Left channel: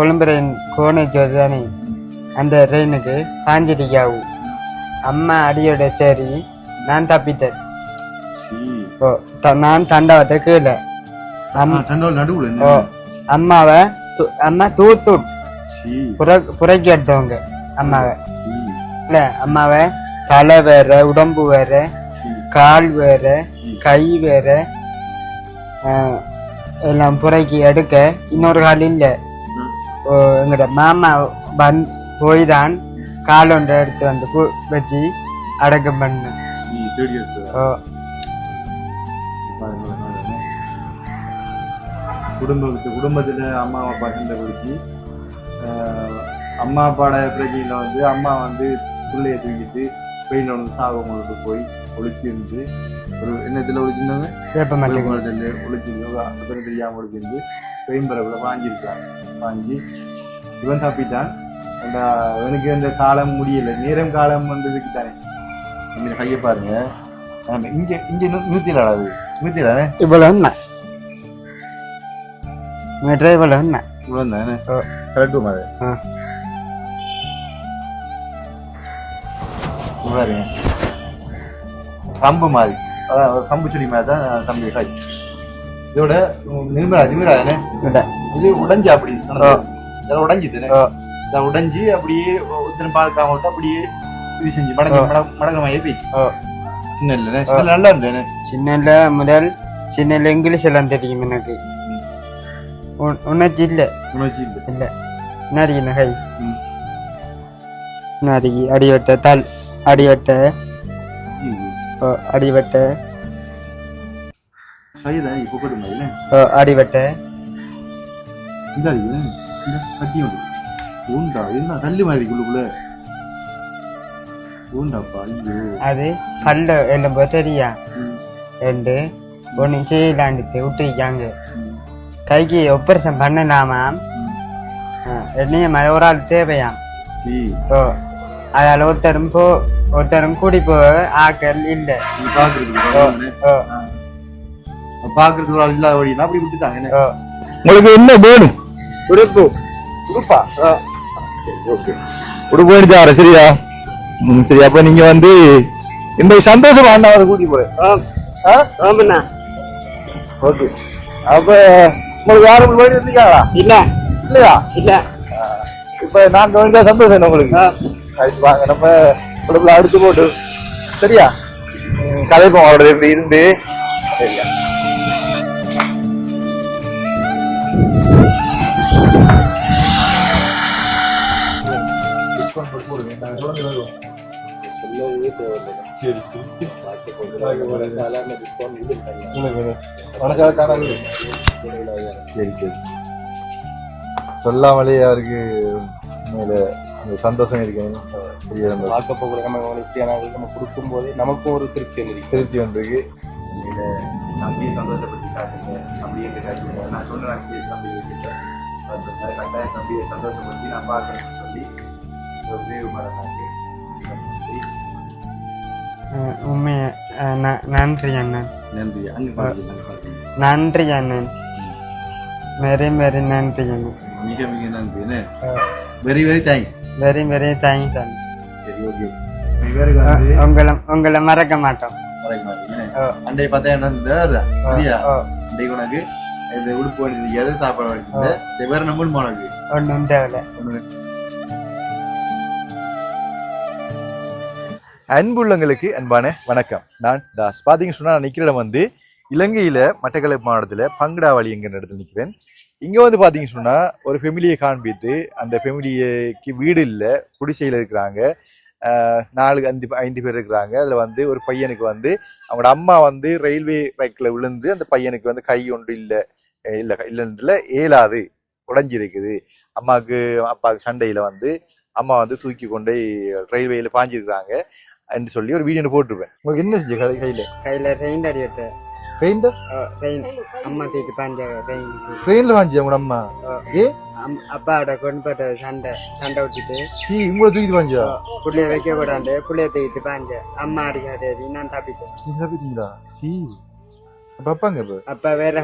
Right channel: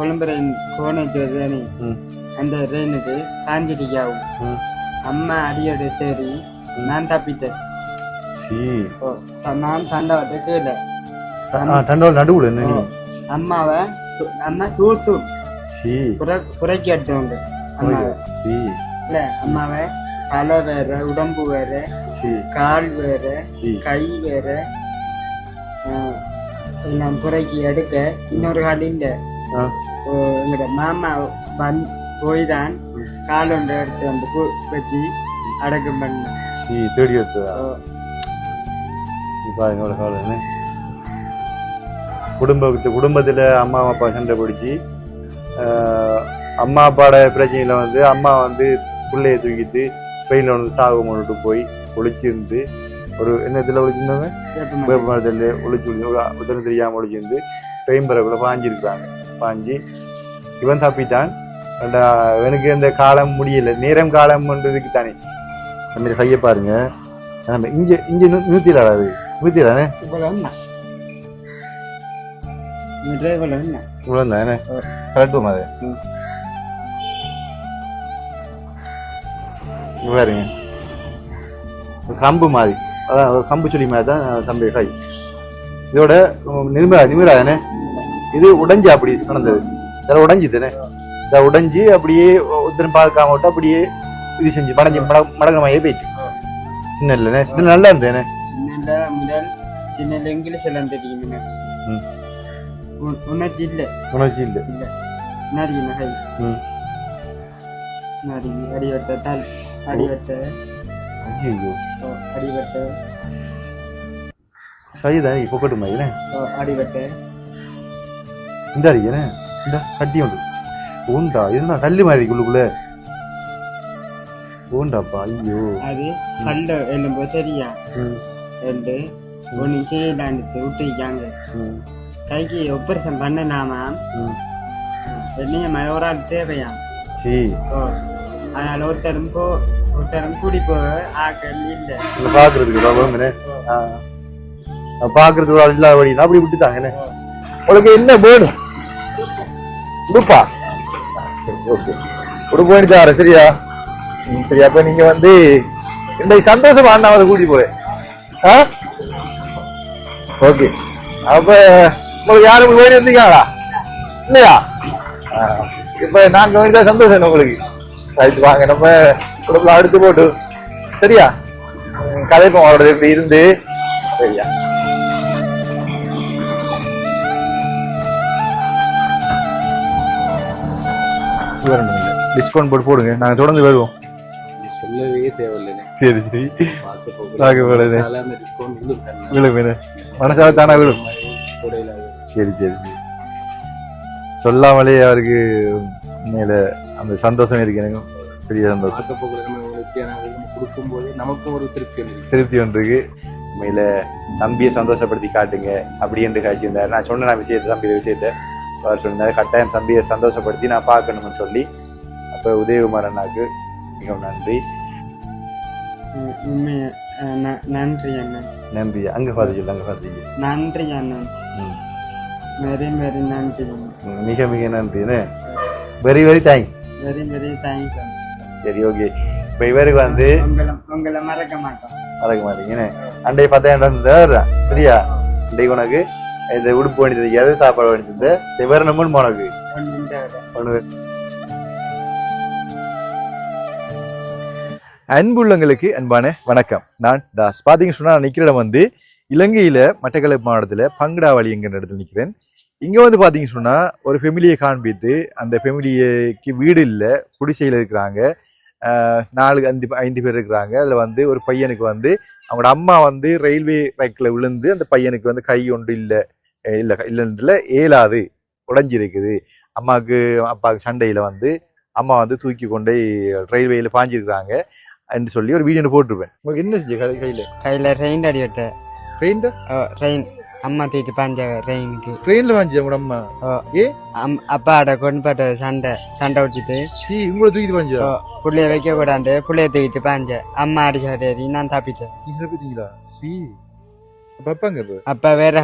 Colombo rain கோனேஜ் தானே அந்த ரெயினுக்கு சாஞ்சிரிக்காவும் அம்மா அடியோட சரி நான் தப்பிட்டேன். நான் தண்டவத்தை கீழே அம்மாவை அம்மா தூத்து புறக்கி எடுத்தவங்க அம்மாவை இல்ல அம்மாவை தலை வேற உடம்பு வேற கால் வேற கை வேற எல்லாம் புறக்கி எடுக்க இன்னொரு கால் இல்ல எங்கட மாமா போய் தான் கால் ஒன்று எடுத்து வந்து வச்சு அடக்கம் பண்ண குடும்பத்துல அம்மா அப்பா சண்டை பிடிச்சி அம்மா அப்பாவோட பிரச்சனையில வந்து அம்மா வந்து பிள்ளைய தூக்கிட்டு வெயில வந்து சாகு கொண்டுட்டு போய் ஒழிச்சிருந்து ஒரு என்னத்துல ஒழிச்சிருந்தாங்க ஒழிச்சு உதவி தெரியாம ஒழிச்சிருந்து பெயம்பரப்புல பாஞ்சிருக்காங்க. பாஞ்சி இவன் தப்பிட்டான். இவனுக்கு இந்த காலம் முடியல, நேரம் காலம் பண்றதுக்கு தானே அந்த மாதிரி கையை பாருங்க. இங்க இங்க 100 100 இவ்வளவு இவ்வளவு இவ்வளவு கரெக்டும் அது பாருங்க. கம்பு மாதிரி, அதாவது கம்பு செடி மாதிரி தான் தம்பி கை. இதோட நிமிரா தானே இது உடைஞ்சு அப்படி உடைஞ்சி தானே இதை உடைஞ்சி அப்படியே ஒருத்தரும் பார்க்காம விட்டு அப்படியே இது செஞ்சு மடங்கமையே போயிடுச்சு. சின்ன இல்லைண்ணே, சின்ன நல்லா இருந்தேனே. சின்ன முதல் சின்ன இங்கிலீஷ் எல்லாம் தெரியும் எனக்கு. உணர்ச்சி இல்லை இல்லை நரி நகை நரி அடிவட்ட தல் அடிவட்ட அடிவட்ட சரிதா இப்போ கட்டுமா அடிவட்ட இந்த அடிக்கணே இந்த கட்டி உண்டு உண்டா இதுதான் கல்லு மாதிரி குள்ளுக்குள்ள உண்டாப்பா. ஐயோ அது கல்ல எழும்ப தெரியா ரெண்டு ஒன்று செய்யலான்னு விட்டுருக்காங்க. கைக்கு ஆபரேஷன் பண்ணலாமா என்னைய மாதிரி ஒரு ஆள் தேவையாம். அதால ஒருத்தரும் கூடி போ ஆக்கள் இல்ல பாக்குறதுக்கு ஒரு ஆள் இல்லாத அப்படி விட்டுட்டாங்க. உங்களுக்கு என்ன வேணும்? உடுப்பு உடுப்பா? ஓகே உடுப்பு எடுத்தாரு. சரியா சரி. அப்ப நீங்க வந்து இந்த சந்தோஷம் அண்ணாவை கூட்டி போறேன். ஓகே அப்ப உங்களுக்கு யாரும் போயிட்டு இருந்தீங்களா? இல்லையா? இப்ப நான் கவனித்தா சந்தோஷம் உங்களுக்கு. ரைட்டு வாங்க நம்ம உடம்புல அடுத்து போட்டு சரியா கதைப்போம் அவரோட இப்படி இருந்து. சரியா டிஸ்கவுண்ட் போட்டு போடுங்க, நாங்க தொடர்ந்து வருவோம். சரி சரி மனசால தானா விடும். சரி சரி சொல்லாமலே அவருக்கு உண்மையில அந்த சந்தோஷம் இருக்கு. எனக்கு பெரிய சந்தோஷம். நம்ம கொடுக்கும் போது நமக்கும் ஒரு திருப்தி ஒன்று இருக்கு. உண்மையில தம்பியை சந்தோஷப்படுத்தி காட்டுங்க அப்படி என்று காய்ச்சிருந்தாரு. நான் சொன்ன விஷயத்தை தம்பிய விஷயத்த அவர் சொன்னார். கட்டாயம் தம்பியை சந்தோஷப்படுத்தி நான் பார்க்கணும்னு சொல்லி அப்போ உதயகுமார் அண்ணாக்கு மிகவும் நன்றி. நன்றி அண்ணன். நன்றி. அங்கே பார்த்து அங்கே பார்த்து நன்றி அண்ணன். வெரி வெரி நன்றி அண்ணன். மிக மிக நன்றி. Very very thanks. Very very thanks அண்ணன். சரி ஓகே. இப்போ இவருக்கு வந்து உங்களை மறக்க மாட்டோம். மறக்க மாட்டீங்க. அண்டை 10 சரியா? இன்றைக்கு உனக்கு இந்த உடுப்பு வேண்டியது சாப்பாடு வேண்டியது இவர் நம்ம உனக்கு ஒன்று. அன்புள்ளங்களுக்கு அன்பான வணக்கம். நான் தாஸ். பார்த்தீங்கன்னு சொன்னா நான் நிற்கிற இடம் வந்து இலங்கையில மட்டக்களப்பு மாவட்டத்துல பங்கடாவளி என்கிற இடத்துல நிற்கிறேன். இங்க வந்து பார்த்தீங்கன்னு சொன்னா ஒரு ஃபெமிலியை காண்பித்து அந்த ஃபெமிலிக்கு வீடு இல்லை, குடிசையில் இருக்கிறாங்க. 4-5 பேர் இருக்கிறாங்க. அதில் வந்து ஒரு பையனுக்கு வந்து அவங்களோட அம்மா வந்து ரயில்வே ட்ராக்ல விழுந்து அந்த பையனுக்கு வந்து கை ஒன்று இல்லைன்றதுல ஏலாது உடைஞ்சிருக்குது. அம்மாவுக்கு அப்பாவுக்கு சண்டையில் வந்து அம்மா வந்து தூக்கி கொண்டு ரயில்வேல பாஞ்சிருக்கிறாங்க என்று சொல்லி ஒரு வீடியோ போட்டிருப்பேன். உங்களுக்கு என்ன செஞ்சு கையில் ரெயின் அடி விட்ட ரெயின் அம்மா தூக்கி பாஞ்ச ரெயினுக்கு ட்ரெயின்ல வாஞ்சி உங்க அம்மா அப்பாட கொண்டு சண்டை விட்டுட்டு உங்களை தூக்கிட்டு பாஞ்சா புள்ளைய வைக்க கூடாது புள்ளைய தூக்கிட்டு பாஞ்ச அம்மா அடிச்சு நான் தப்பிட்டேன். நீங்க தப்பிட்டீங்களா? பாப்பாங்க அப்பா வேற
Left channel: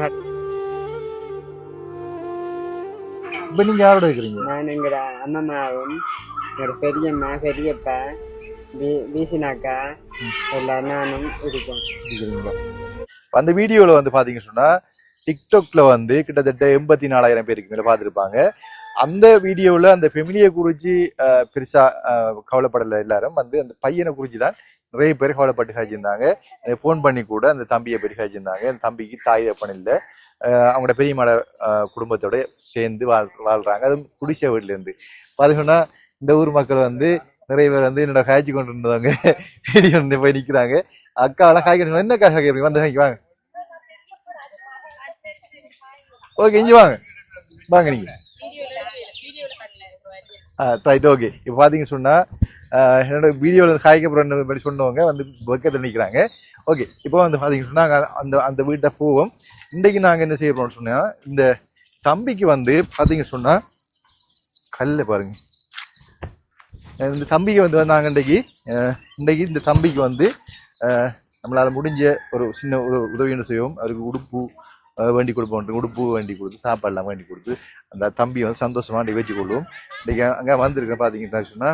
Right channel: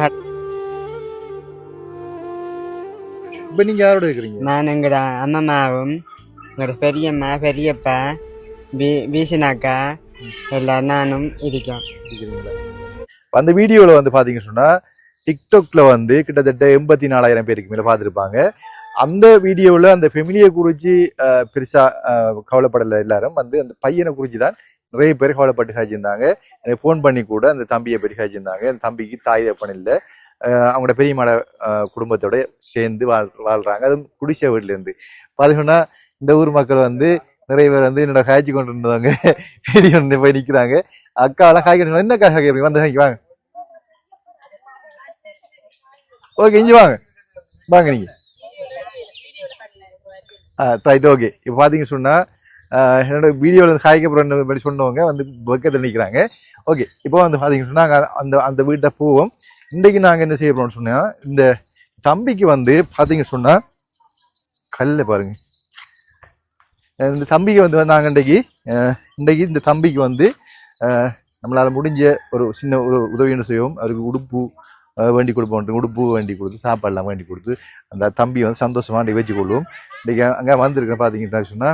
இப்ப நீங்க யாரோட இருக்கிறீங்க? நான் எங்கட அம்மாவும் எங்களோட பெரியம்மா பெரியப்பா வீசினாக்கா எல்லாம் நானும் இருக்கோம். இருக்கிறீங்களா? அந்த வீடியோல வந்து பாத்தீங்க சொன்னா டிக்டாக்ல வந்து கிட்டத்தட்ட 84,000 பேருக்கு மேல பார்த்துருப்பாங்க. அந்த வீடியோவில் அந்த ஃபெமிலியை குறித்து பெருசா கவலைப்படலை. எல்லாரும் வந்து அந்த பையனை குறித்து தான் நிறைய பேர் கவலைப்பட்டு காய்ச்சிருந்தாங்க. எனக்கு ஃபோன் பண்ணி கூட அந்த தம்பியை பற்றி காய்ச்சிருந்தாங்க. அந்த தம்பிக்கு தாய் தப்பன் இல்லை, அவங்களோட பெரியம்மாட குடும்பத்தோட சேர்ந்து வாழ்றாங்க. அது குடிசை வீட்டுல இருந்து பார்த்தீங்கன்னா இந்த ஊர் மக்கள் வந்து நிறைய பேர் வந்து என்னோட காய்ச்சி கொண்டு இருந்தாங்க. வீடியோ போய் நிற்கிறாங்க. அக்காவெல்லாம் காய்க்கணும். என்ன காய் காய்க்கிறீங்க? வந்து காய்க்கு வாங்க. ஓகே, இஞ்சி வாங்க வாங்க நீங்க. Right, okay. இப்போ பார்த்தீங்க சொன்னால் என்னோட வீடியோவில் காய்க்கப்புறம் சொன்னவங்க வந்து பக்கத்தில் நிற்கிறாங்க. ஓகே, இப்போ வந்து பார்த்தீங்க சொன்னால் அந்த அந்த வீட்டை போவோம். இன்றைக்கு நாங்கள் என்ன செய்ய போகிறோம்னு சொன்னால் இந்த தம்பிக்கு வந்து பார்த்தீங்க சொன்னால் கல்ல பாருங்க. இந்த தம்பிக்கு வந்து நாங்கள் இன்றைக்கு இந்த தம்பிக்கு வந்து நம்மளால் முடிஞ்ச ஒரு சின்ன ஒரு உதவின்னு செய்வோம். அவருக்கு உடுப்பு வேண்டி கொடுப்போம். உடுப்பு வேண்டி கொடுத்து சாப்பாடுலாம் வேண்டி கொடுத்து அந்த தம்பி வந்து சந்தோஷமா வச்சு கொள்வோம். இன்னைக்கு அங்கே வந்திருக்கேன். பார்த்தீங்கன்னா சொன்னா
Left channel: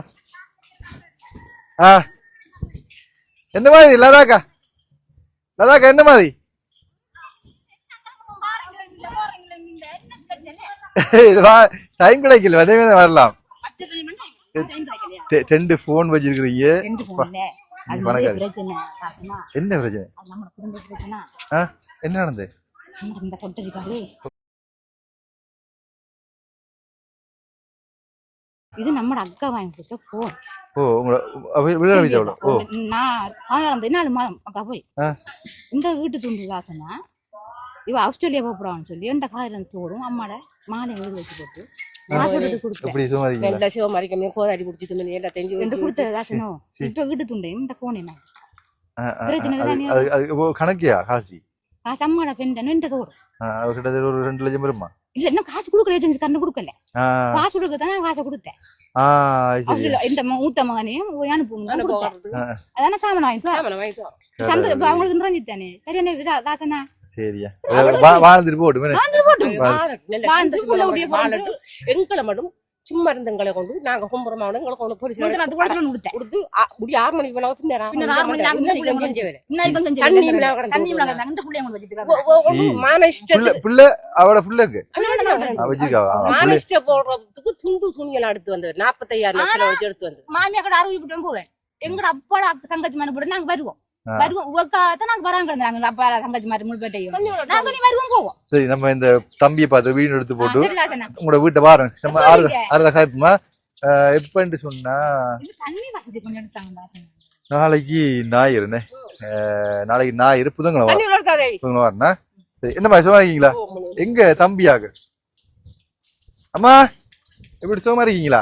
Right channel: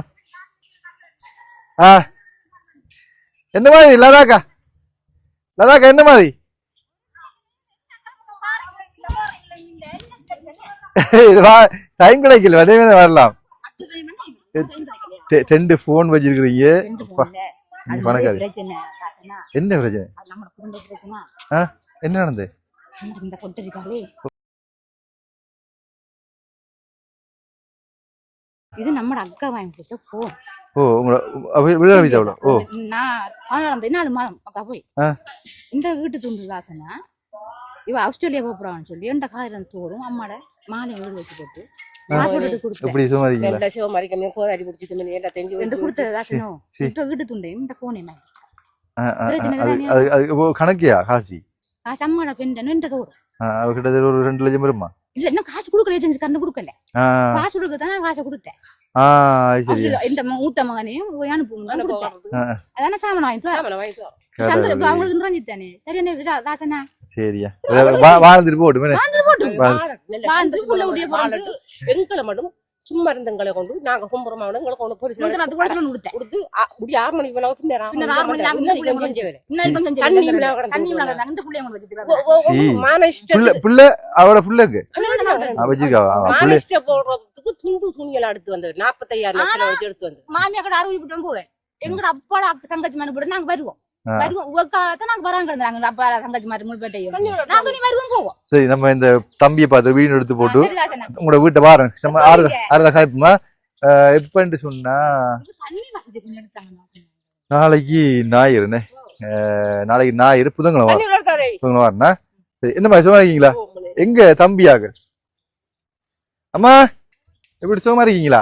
என்ன மாதிரி லதாக்கா என்ன மாதிரி டைம் கிடைக்கல. வடையே வரலாம். 2 போன் வச்சிருக்கிறீங்க. என்ன பிரச்சனை? என்ன நடந்தது? இந்த பொட்டு இருக்காளே, இது நம்ம அக்கா வாங்கி கொடுத்த போன். நான் 4 மாதம் அக்கா போய் இந்த வீட்டு துண்டு காசுனா இவ ஆஸ்திரேலியா போறான்னு சொல்லி எந்த காயிரம் தோடும் அம்மாட மாலை வீடு வச்சு போட்டு வீட்டு துண்டு இந்த போன் என்ன கணக்கியா காசி காசு அம்மாட பெண் தோடும் கிட்டத்தட்ட ஒரு 2 லட்சம் வருமா? இல்ல இன்னும் காசு கொடுக்கல, ஏஜென்சி கண்ணு கொடுக்கல. காசு கொடுக்கதான் காசை கொடுத்தேன். இந்த மூத்த மகனையும் அதான சாமன் வாங்கிட்டு அவங்களுக்கு நிறைஞ்சித்தானே. சரியா தாசனா? சரியா வாழ்ந்துட்டு போட்டு எங்களை மட்டும் சும்மா இருந்தங்களை கொண்டு நாங்க கும்புறமா எங்களை கொண்டு போலீஸ் கொடுத்து 6 மணிக்கு மேல மானிஷ்ட போடுறதுக்கு துண்டு துணியெல்லாம் எடுத்து வந்தது 45,000 லட்சம் வச்சு எடுத்து வந்தது. மாமியா கூட அறிவிட்டு போவேன். எங்கட அப்பா தங்கச்சி மாதிரி போட்டு நாங்க வருவோம். சரி, நம்ம இந்த தம்பியை பார்த்து வீடு எடுத்து போட்டு உங்களோட வீட்டை பாருங்க. எப்பன்னு சொன்னா நாளைக்கு ஞாயிறுண்ணே. நாளைக்கு ஞாயிறு புதன்கிழமை வரனா? சரி, என்ன மாதிரி சும்மா இருக்கீங்களா? எங்க தம்பியாக அம்மா எப்படி சும்மா இருக்கீங்களா?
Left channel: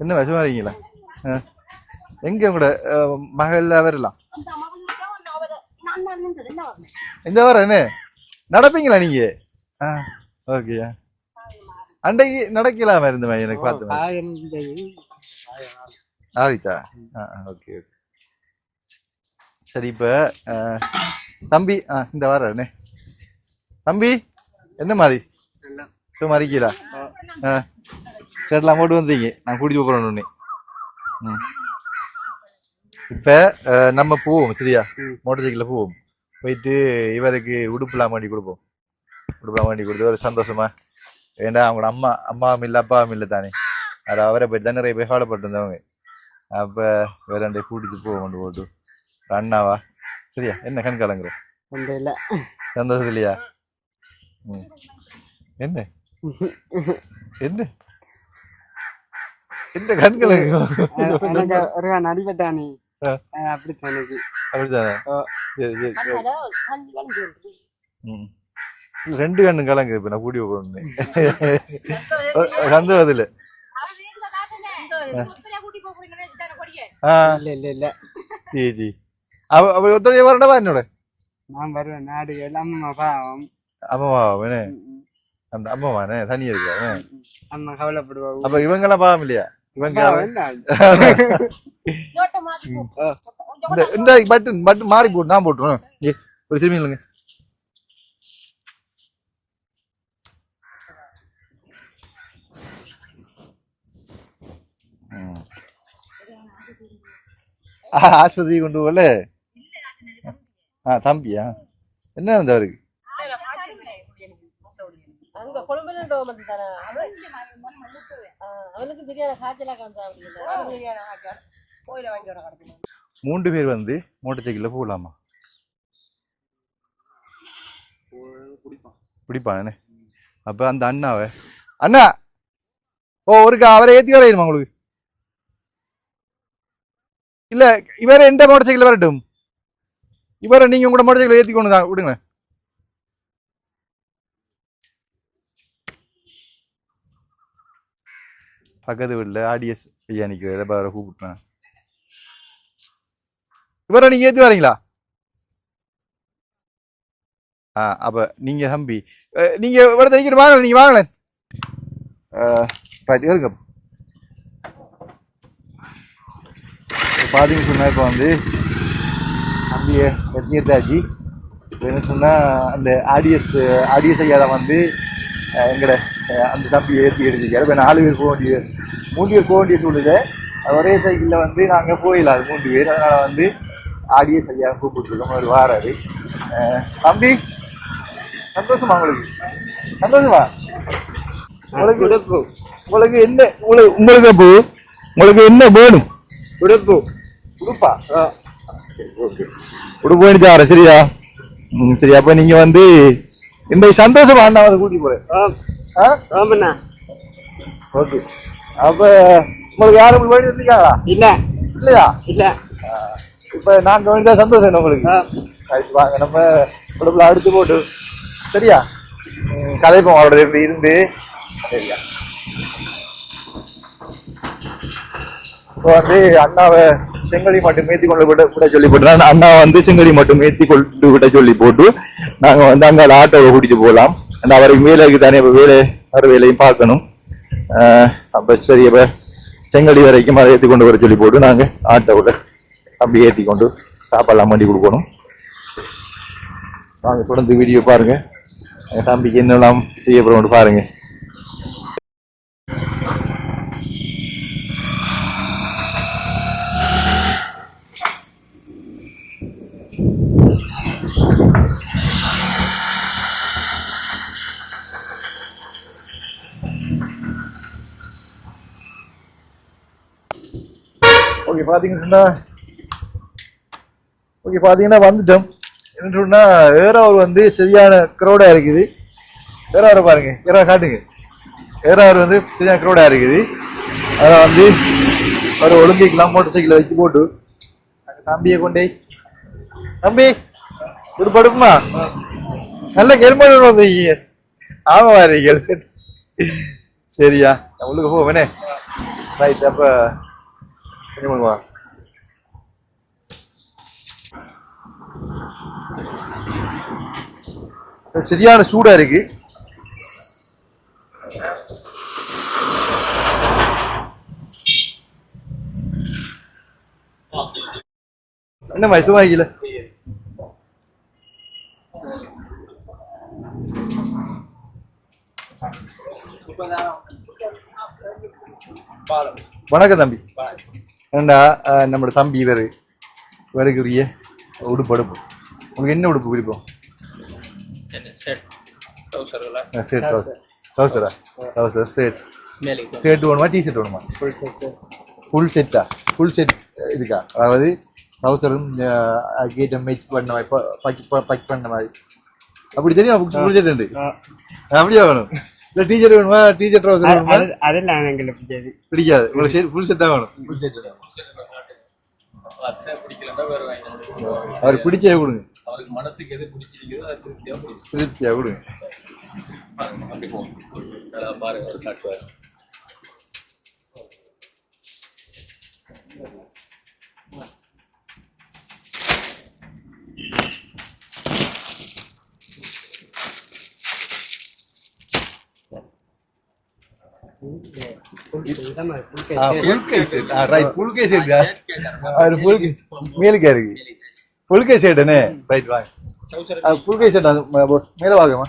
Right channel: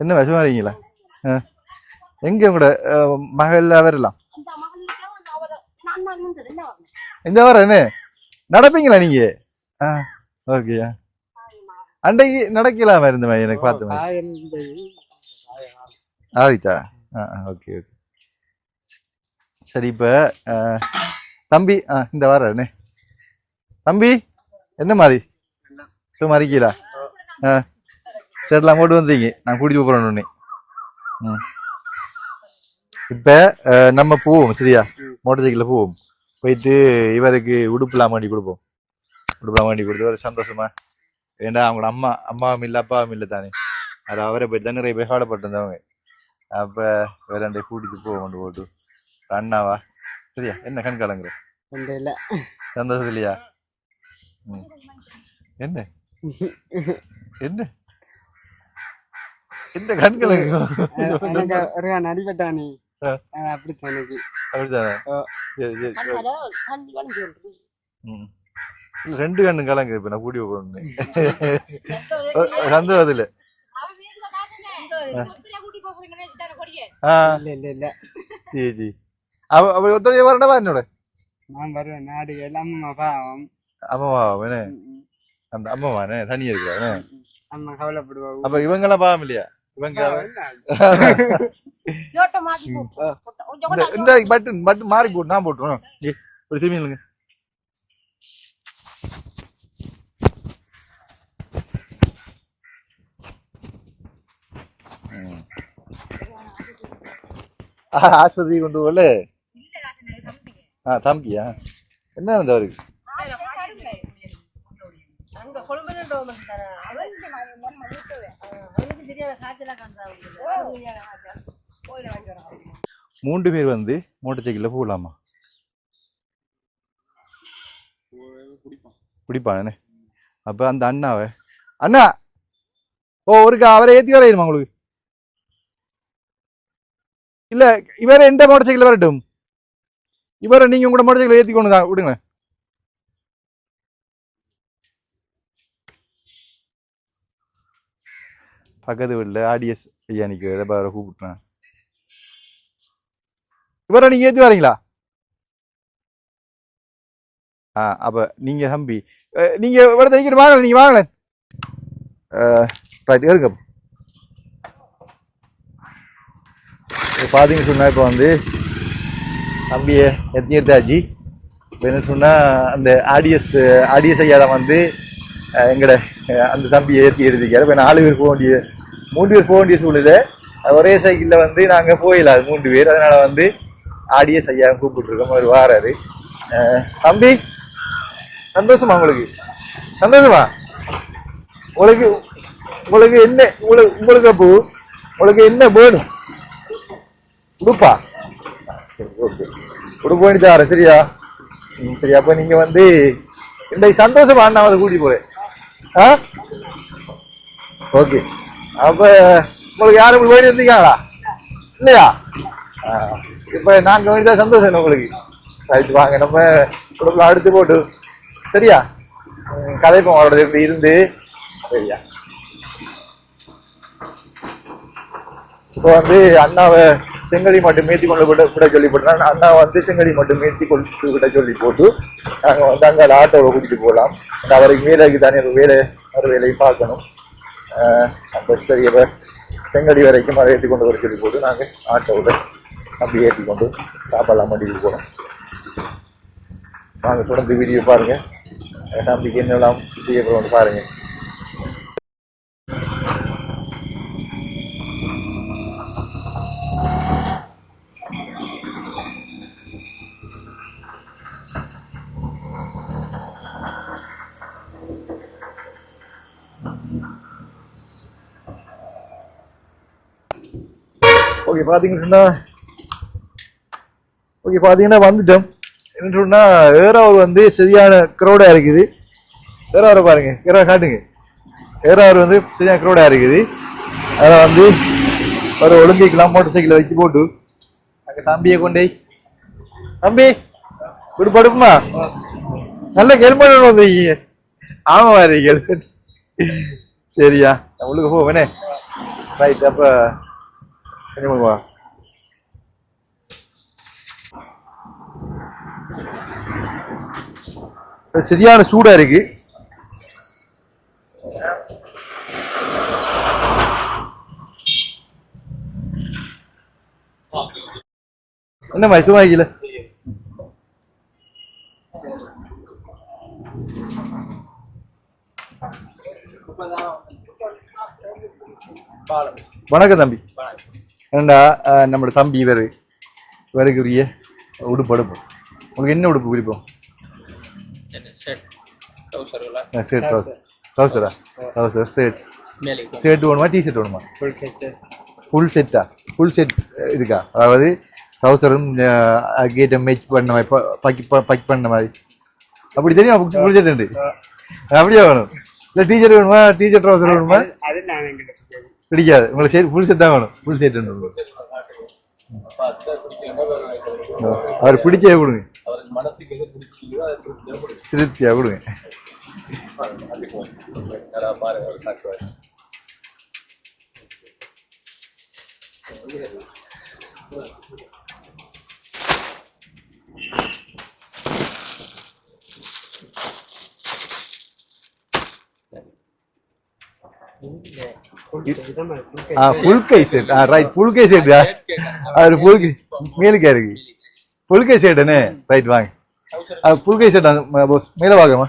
என்ன விஷமா இருக்கீங்களா? எங்க உங்களோட மகள் வரலாம் இந்த வாரம் என்ன நடப்பீங்களா நீங்க? ஓகேயா, அன்றைக்கு நடக்கலாம இருந்த மாதிரி எனக்கு பார்த்து ஆடித்தா. ஓகே ஓகே சரி. இப்ப தம்பி இந்த வாரம் என்ன தம்பி என்ன மாதிரி சும்மா இருக்கீங்களா? சரிலாம் போட்டு வந்தீங்க, நான் கூட்டிட்டு போறேன். இப்ப நம்ம போவோம் சரியா, மோட்டர் சைக்கிள்ல போவோம். போயிட்டு இவருக்கு உடுப்புலாம் வேண்டி கொடுப்போம். உடுப்புலாம் வேண்டி கொடுத்து ஒரு சந்தோஷமா. ஏண்டா அவங்களோட அம்மாவும் இல்லை அப்பாவும் இல்லை தானே, அது அவரை போயிட்டு தான் நிறைய பேர் கவலைப்பட்டு இருந்தவங்க. அப்ப வேறாண்டை கூட்டிட்டு போவோம் போட்டு அண்ணாவா சரியா. என்ன கண் கலங்குற? சந்தோஷம் இல்லையா? என்ன என்ன என்ன கண்களை அடிபட்டானே அப்படித்தானே? அப்படித்தானே? சரி சரி. 2 கண்ணு கலங்கு. இப்ப நான் கூட்டி போகணும் சந்தோஷத்துல. சரி அவ ஒத்துழைய வரண்டவா என்னோட? நான் வருவேன். நாடு அம்மா பாவம். அம்மாவா என்ன அந்த அம்மாவானே தனியா இருக்கிறாரு. அம்மா கவலைப்படுவா. அப்ப இவங்கெல்லாம் பாவம் இல்லையா? இவங்க இந்த பட்டன் பட்டன் மாறி போட்டு நான் போட்டுருவேன் ஒரு திரும்பி இல்லைங்க ஆஸ்பத்திரி கொண்டு போகல தம்பியா என்ன இருந்தா அவருக்கு மூன்று பேர் வந்து மோட்டர் சைக்கிளில் போகலாமா பிடிப்பானே அப்போ அந்த அண்ணாவை அண்ணா ஒருக்கா அவரை ஏற்றி வரையுமா உங்களுக்கு இல்லை இவரை எந்த மோட்டர் சைக்கிள் வரட்டும் இவரை நீங்கள் உங்களோட மோட்டர் சைக்கிள் ஏற்றி கொண்டு தான் விடுங்க பக்கத்து வீட்டில் ஆடிஎஸ் ஐயா நிற்கிற அவரை கூப்பிட்டேன் இவரை நீங்கள் ஏற்றி வரீங்களா அப்போ நீங்கள் தம்பி நீங்கள் இவரை தனிக்கிட்டு வாங்கல நீங்கள் வாங்கல இருங்க பார்த்தீங்கன்னு சொன்னால் இப்போ வந்து தம்பியை எத்தனித்தாச்சு இப்போ என்ன சொன்னால் அந்த ஆடிஎஸ் ஐயா தான் வந்து எங்கட அந்த தம்பியை ஏற்றி எடுத்துக்காரு இப்போ 4 பேர் போக வேண்டிய 3 பேர் போக வேண்டிய சூழ்நிலை ஒரே சைக்கிளில் வந்து நாங்கள் போயிடலாம் 3 பேர் அதனால் வந்து ஆடிஎஸ் ஐயா கூப்பிட்டுருக்கோம் அவர் வாராரு தம்பி சந்தோஷமா உங்களுக்கு சந்தோஷமா உங்களுக்கு என்ன உங்களுக்கு என்ன வேணும் உடுப்பா ஓகே உடுப்பு வேணுச்சார சரியா சரி அப்ப நீங்க வந்து இந்த சந்தோஷமா அண்ணாவை கூட்டி போறேன் ஓகே அப்ப உங்களுக்கு யாரும் வேண்டி இருந்தீங்களா இல்லையா இப்ப நாங்க வேண்டியதா சந்தோஷம் உங்களுக்கு ரைட்டு வாங்க நம்ம உடுப்புல அடுத்து போட்டு சரியா கதைப்போம் அவரோட இருந்து சரியா இப்போ வந்து அண்ணாவை செங்கலி மட்டும் ஏற்றி கொண்டு விட சொல்லி போட்டு அண்ணா வந்து செங்கலி மட்டும் ஏற்றி கொண்டு விட சொல்லி போட்டு நாங்கள் வந்து அங்கே ஆட்டோவை கூட்டிட்டு போகலாம் அந்த அவருக்கு வேலைக்கு தானே இப்போ வேலையும் பார்க்கணும் அப்போ சரி அப்போ செங்கலி வரைக்கும் அதை ஏற்றி கொண்டு வர சொல்லி போட்டு நாங்கள் ஆட்டோவில் அப்படி ஏற்றி கொண்டு சாப்பாடெல்லாம் பண்ணி கொடுக்கணும் வாங்க தொடர்ந்து வீடியோ பாருங்க தம்பிக்கு என்னெல்லாம் செய்யப்படும் பாருங்க ஓகே பார்த்தீங்கன்னா வந்துட்டோம் என்ன சொன்னா ஏறாவது வந்து சரியான க்ரௌடா இருக்குது ஏறாவது பாருங்க ஏறா காட்டுங்க ஏறாவது வந்து சரியான க்ரௌடா இருக்குது அதை வந்து ஒரு ஒழுங்கிக்கலாம் மோட்டர் சைக்கிளை வச்சு போட்டு அங்கே தம்பியை கொண்டே தம்பி படுப்புமா நல்ல ஹெல்மெட் வந்துருக்கீங்க ஆமா வாரி ஹெல்மெட் சரியா உங்களுக்கு போவேனே ரைட் அப்போ பண்ணுவா சரியான சூடா இருக்கு என்ன மைசுமாயில வணக்கம் தம்பி ஏண்டா நம்மளோட தம்பி இவருக்குரிய உடுப்பு அடுப்பு உங்களுக்கு என்ன உடுப்பு பிடிப்போம் ஷர்ட் வேணுமா டிஷர்ட் வேணுமா ஃபுல் செட் இருக்கா அதாவது ட்ரௌசரும் கேட்ட மேட்ச் பண்ண மாதிரி பக் பண்ண மாதிரி அப்படி தெரியும் ஃபுல் செட் உண்டு அப்படியே வேணும் இல்லை டீச்சர் வேணுமா டீச்சர் ட்ரௌசர் வேணுமா அதெல்லாம் எங்களுக்கு பிடிக்காது உங்களுக்கு ஷர்ட் ஃபுல் செட் தான் வேணும் ஃபுல் செட் அவர் பிடிச்சே கொடுங்க அவருக்கு மனசுக்கு எது பிடிச்சிருக்குதோ அதை திருப்தியா கொடுங்க பாருங்க அவர் காட்டுவார் ஃபுல் கை செட் ரைட் ஃபுல் கை செட் அவர் ஃபுல் மேலுக்கா இருக்கு புல்கை சைடுன்னு ரைட் வாங்க புல்கை சைடு பாஸ் மேலே வாங்கம்மா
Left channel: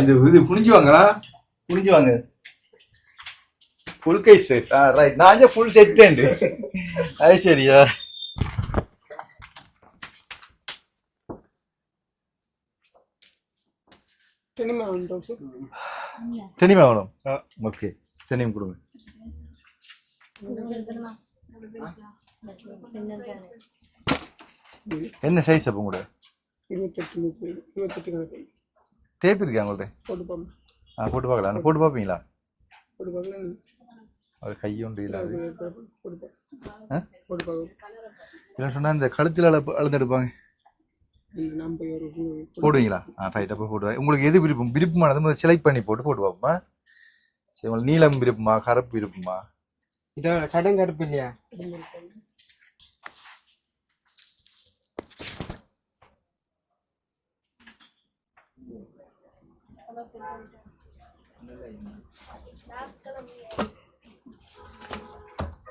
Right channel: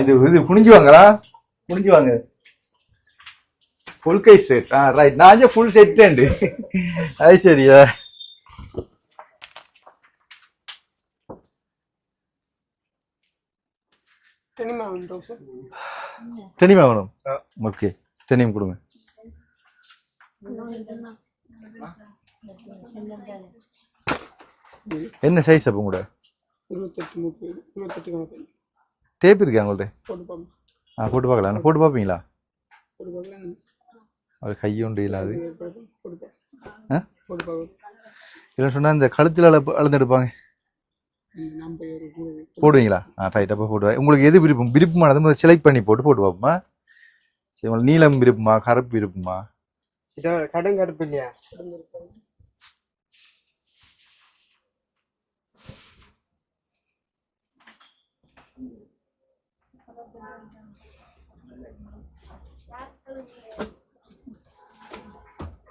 இது இது புனிஞ்சு வாங்களா புனிஞ்சு வாங்க புல்கை செட் ரைட் நான் ஃபுல் செட் அது சரியா டெனிமா வேணும் ஓகே டெனிம் கொடுங்க என்ன சைஸ் அப்போ கூட 28 கணக்கு டேப் இருக்கா உங்கள்ட்ட போட்டு போட்டு பார்க்கலாம் போட்டு பார்ப்பீங்களா பார்க்கலாம் அவர் கையுண்டு இல்லாது போட்டு இல்லை சொன்னால் இந்த கழுத்தில் அளந்து எடுப்பாங்க போடுவீங்களா ரைட் அப்போ போடுவேன் உங்களுக்கு எது விருப்பமானது செலக்ட் பண்ணி போட்டு பார்ப்போமா சரி உங்களுக்கு நீளம் விருப்பமா கருப்பு விருப்பமா இதோ கடுங்கருப்பு இல்லையா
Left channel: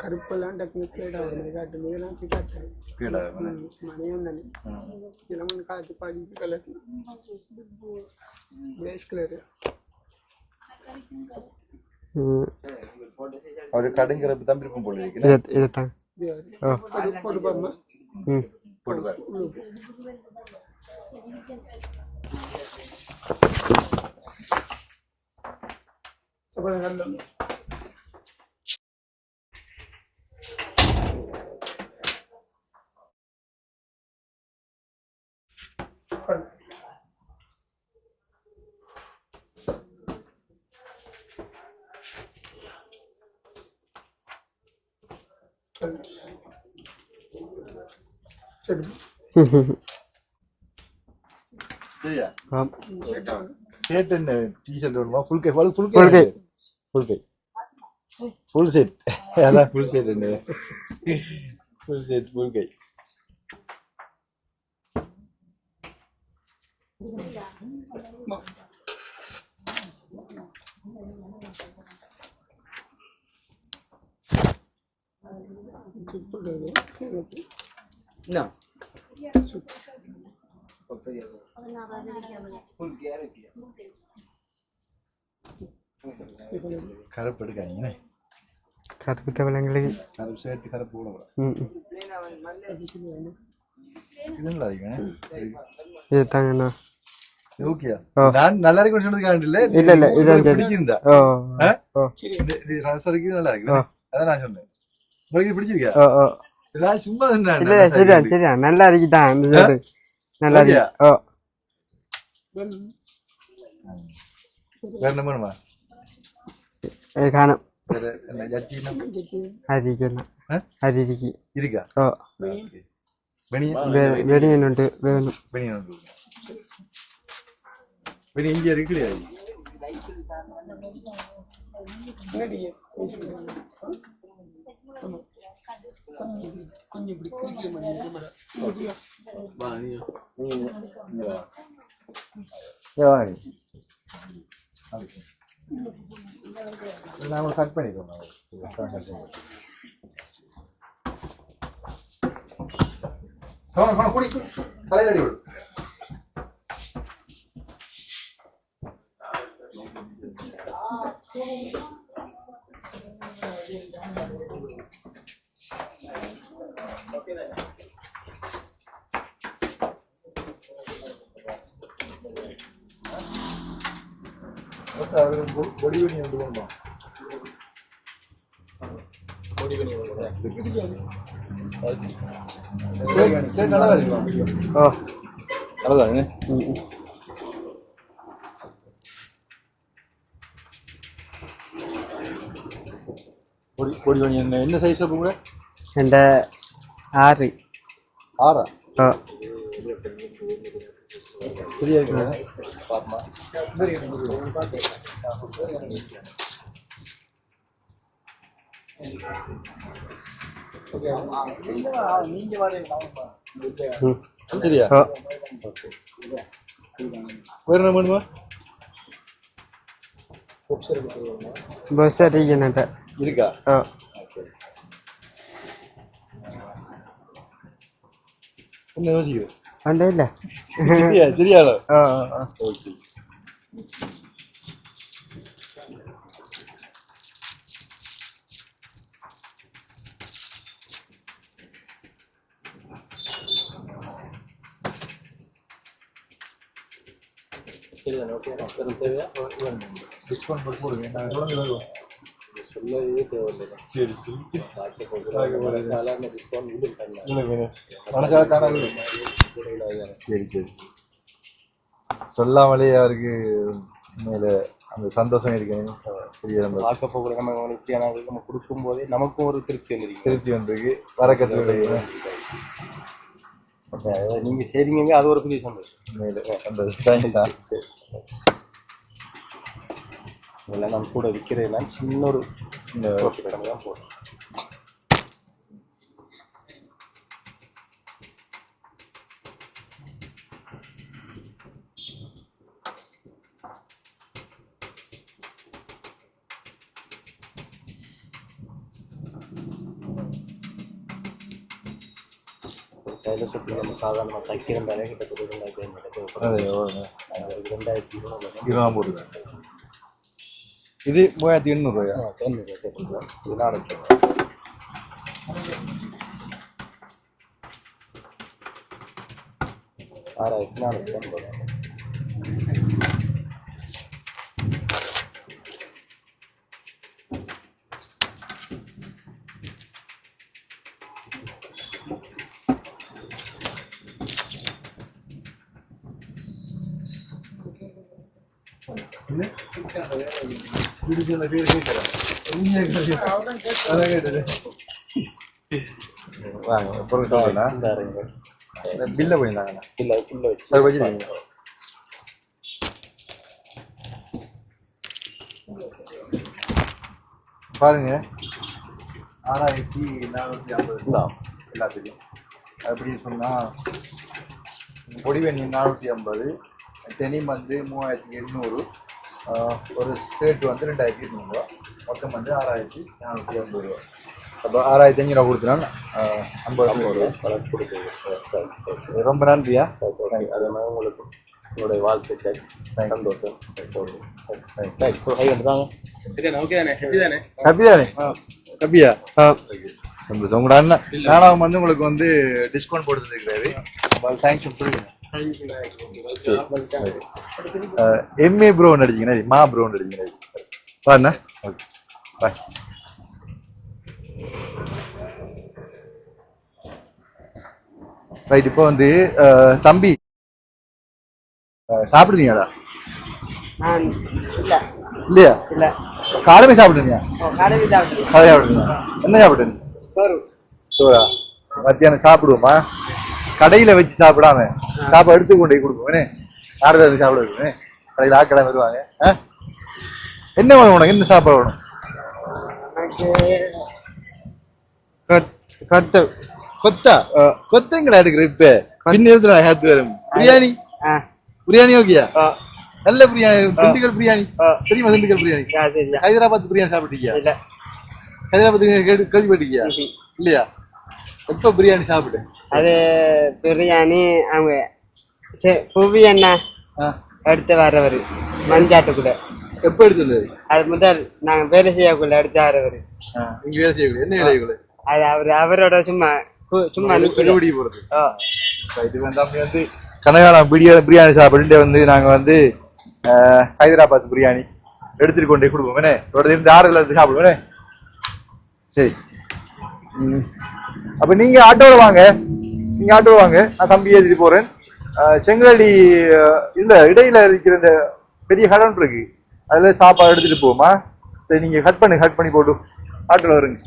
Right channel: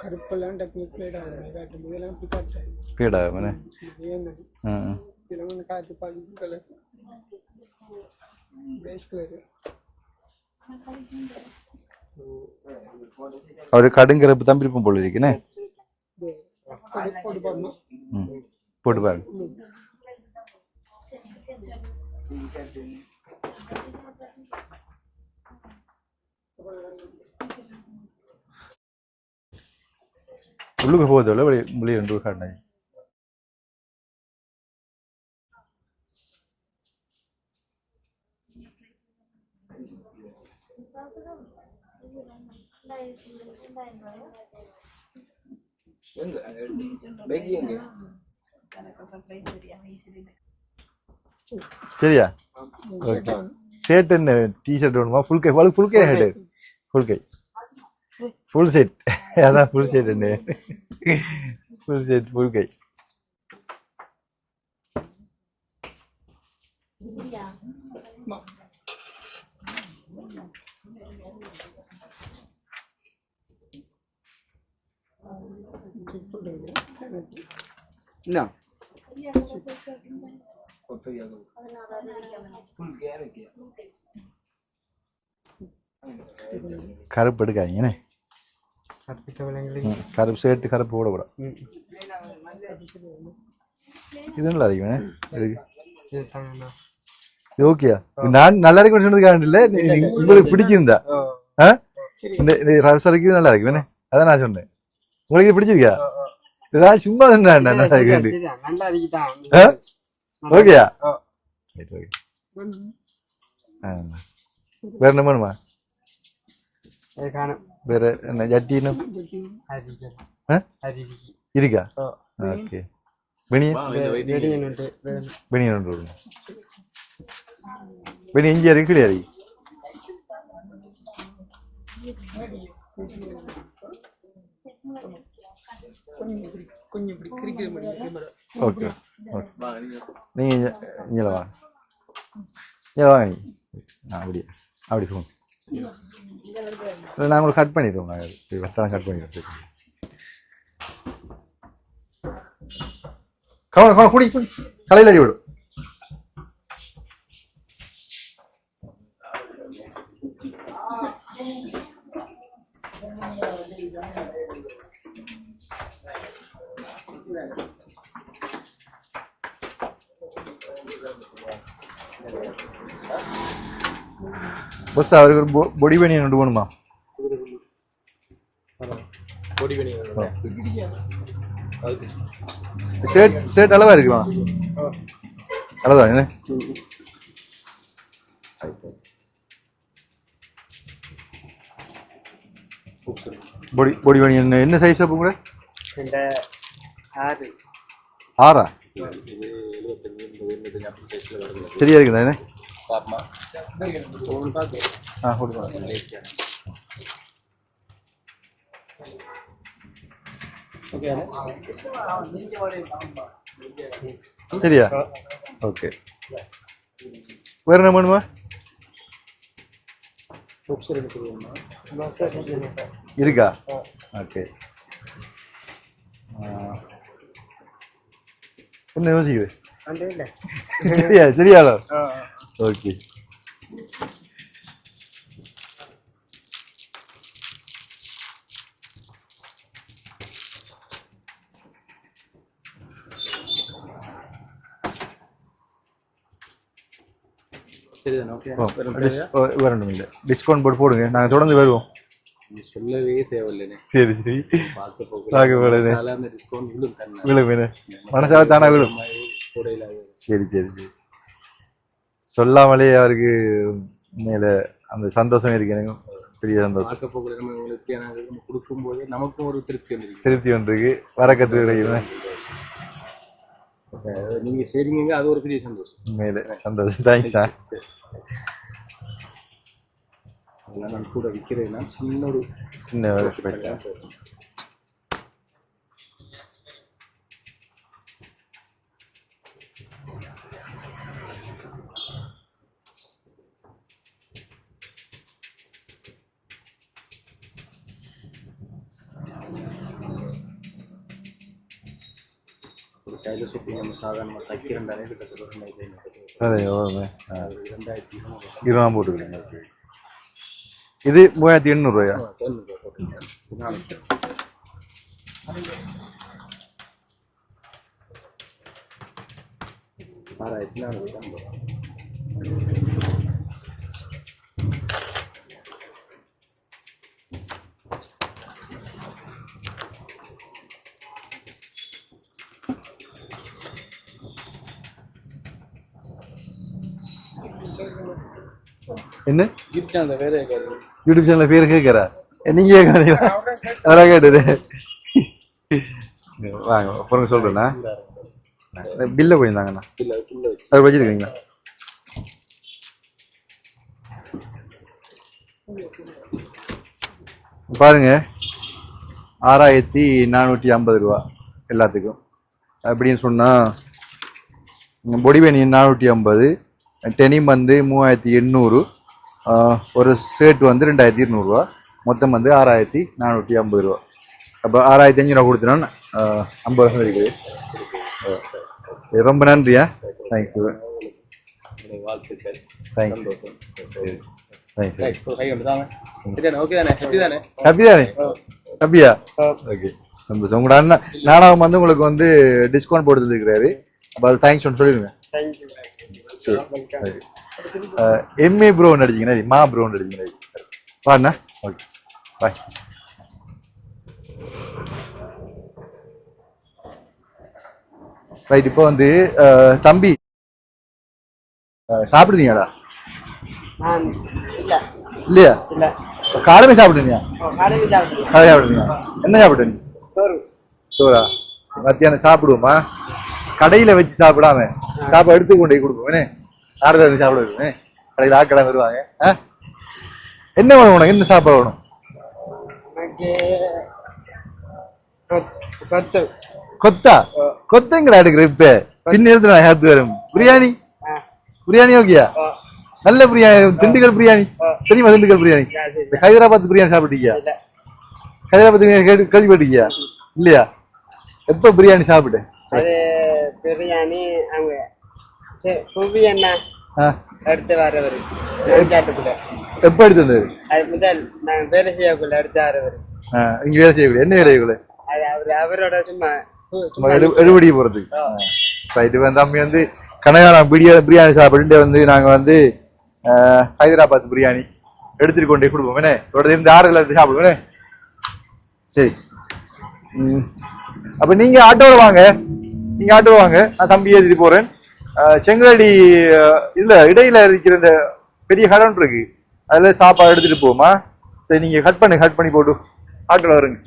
கருப்பெல்லாம் டக்குனு பேடா மேலே காத்து பாதி கலர் பிளேஷ் கலர் அவரு கடுங்கரப்பு தான் விருப்பம் போல இருக்குன்னு இதைத்தான் போட்டு பாருங்க உள்ளுக்கு போகுது வெளியே ரெண்டு காட்டினாங்க சரியா ஷர்ட் என்ன டிஷர்ட் வேணுமா ஃபுல் கை ஃபுல் செட் அதான் ஃபுல் செட் என்ன ஃபுல் செட் ஃபுல் கை No. கருப்பு எடுக்காதீங்கண்ணே கருப்பு தவளைங்களுக்கு கருப்பு ஷர்ட் கருப்பு போடக்கூடாது இது நல்லா இருக்குண்ணே இது தாங்கண்ணா இது ஓகேயா நான் நல்லா இருக்குன்னு சொன்னதுக்காக இல்லை உங்களுக்கு பிடிச்சிருந்தா இந்த ரசரைக்கு நல்லா இருக்கு அதான் நான் சொன்னேன் உங்களுக்கு இது பிடிச்சிருக்கியா ஏதாவது சும்மா சரியா நல்லா இருக்குதான் ஓகேயா வேற என்ன வேணுமா காணும் வேற என்ன ஜட்டினா அது இருக்கா ஓகே வெடியனுண்டு வெனியனுண்டு வெனி இங்கே இருக்கு கிடையாது ஓகே நீங்க இங்கே வா இங்கே வாங்க நீ அப்படியே அப்படி போங்க நாங்கள் உங்களுக்கு கட் பண்ணிடுவோம் நாங்கள் கட் பண்ணிடுவோம் கவனம் குடி தலையில் அடி விடும் பஸ் அவருக்கு ஒரு பொடி பனியன் கொண்டு போகணுமா ஷர்ட் அளவா இருக்குமா அளவுதான் என்ன பொடி பனியன் என்ன சைஸ் அப்போ கூட எந்த 6 6 சரியா இருக்குதா என்ன சரியா ஓகே வேற என்ன பண்ணுவா பஸ் அதிகம் இருக்கா ஓ ஓகே என்ன யோசிக்குது ஒன்றும் இல்லை சரியா சரியாலோ ஓ ஓகே சரிதானே ஓகே வரணும் இல்லை டிஸ்கவுண்ட் போட்டு போடுங்க நாங்கள் தொடர்ந்து வருவோம் சொல்லவே தேவையில்லை சரி சரி பார்க்க பார்க்க போகிறது சாதாரண டிஸ்கவுண்ட் விழும் தண்ணா விழும் என்ன மனசால தானே விழும் கூடையில் சரி சரி சரி சொல்லாமலே அவருக்கு மேல அந்த சந்தோஷம் இருக்கு எனக்கு பெரிய சந்தோஷம் பார்க்க போகல நம்ம உங்களுக்கு இப்படியான நம்ம கொடுக்கும் போதே நமக்கும் ஒரு திருப்தி வந்துருக்கு திருப்தி ஒன்று இருக்கு வரக்கத்துக்கு நீங்க செய்றீங்க அது ஒரு பெரிய சந்தோஷம் உண்மையில சந்தோஷம் தேங்க்ஸ் சார் சரி இதெல்லாம் நான் கூட விற்கிறேன்னா சின்ன ஒரு சின்ன profit பண்ணி தான் போடுறேன். ஒரு கையில் சுற்றி நம்ம சாதாரணமாக தைக்கிறண்டாலே கிட்டத்தட்ட 2500 இருபதாம் போட்டுக்கிறேன் இது 3800 ரூபாயா போட்டுருக்கேன் இது 400 6450 என்ன கிஃப்ட் அந்த வேற யூடியூப் சேனல் பேர் கேட்குறா நீங்க கேட்குறீங்களா அதான் கேட்டுது வாங்க அப்புறம் சொல்றேண்ணா இந்த பில்லை போயிருந்தாங்கண்ணா இல்லை அதுக்குள்ளே வச்சு அதை வச்சுருக்கீங்களா பாருங்க 6450 ரூபா எல்லாத்துக்கும் அப்படின்னு சொன்னால் பொடிவேனியன் 450 டெனிம் வந்து 3800 ஒரு ஷர்ட் வந்து 2200 ரூபா மொத்தம் வந்து 6450 ரூபா அப்போ 6500 நான் கொடுத்தேன்னா 50 இருக்கு ரொம்ப நன்றியா தேங்க்ஸ் உங்களுக்கு உங்களுடைய வாழ்த்துக்கள் தேங்க்ஸ் சந்தோஷம் தேங்க்ஸ் ஓகே தானே ஹாப்பி தானே ஹாப்பி தானே ஹாப்பியா ஓகே சந்தோஷம் உங்களோட அண்ணன் நாடகம் வந்து உங்களுக்கு வந்து டிஸ்கவுண்ட் போட்டு தந்துருக்கிறாரு தேங்க்ஸ் ஒன்று சொல்லுங்க சரி எம்ஏ ப்ரோ நடிச்சிங்கன்னா மா ப்ரோ நடிச்சிங்கன்னா பாருண்ணா ஓகே பாய் ரைட் இப்போ வந்து தம்பி சாப்பிடுறீங்களா இல்லை இல்லையா இல்லை காலமே சாப்பிடுறீங்க கடைவி சாப்பிட்டு அதை சாப்பிடுறீங்க என்ன சாப்பிடுறீங்க சோறு சோறா மத்தியானம் சாப்பிடுவோமா கடையில வச்சு சாப்பிடாம சாப்பாடு எடுத்து கொண்டு போய் கொடுப்போம் யாரும் சாப்பிட வைக்கணும் கடையில் ஆக்கடை வருவாங்க என்ன வேணும் உனக்கு என்ன சாப்பாடு வேணும் எனக்கு கொத்து கொத்தா கொத்தங்கடா எடுக்கிற இப்ப பின்னேரத்துல ஹேத்து வரும் பிரியாணி பிரியாணி ஓகேயா நல்ல பிரியாணி திண்டுக்கல் பிரியாணி தெரியுமா திண்டுக்கல் பிரியாணி ஹைதராபாத் பிரியாணி சாப்பிட்டீங்க ஹைதராபாத் பிரியாணி கேள்விப்பட்டிருக்கியா இல்லையா எப்ப பிரியாணி சாப்பிட்டு அது பிரியாணி அவங்க புவி என்ன எடுத்து வரவர் மஞ்சாட்டுக்குள்ள எப்ப எடுத்து வந்தது அது முதல் நாங்கள் வேலை செய்யக்குள்ள எடுத்து வரவர் இங்க வேலை செய்யக்கூடிய என்ன வேலை செய்யக்கூடிய அது அவரோட சும்மா எடுபடி போறதுக்கு ரைட்டு வந்து தம்பி வந்து கனகாலம் பிரியாணி சாப்பிட்டு வந்து நாங்க வந்து ஹைதராபாத் பிரியாணி எடுத்துட்டு கொண்டே கொடுப்போம் தொடர்ந்து இருந்து 6 கிலோ சாப்பிடுவோம் சரி அப்ப நீங்க ஆட்டோல வாங்க நான் தம்பி ஏற்றிட்டு போறேன் செங்கலடி இல்ல இடையில இருக்கிற இந்த பெரிய கடன் இருக்கு அதுல சாப்பாடு எடுத்துட்டு போமா சரி நீங்க கட் பண்ணி போட்டு ஆட்டோல வருங்க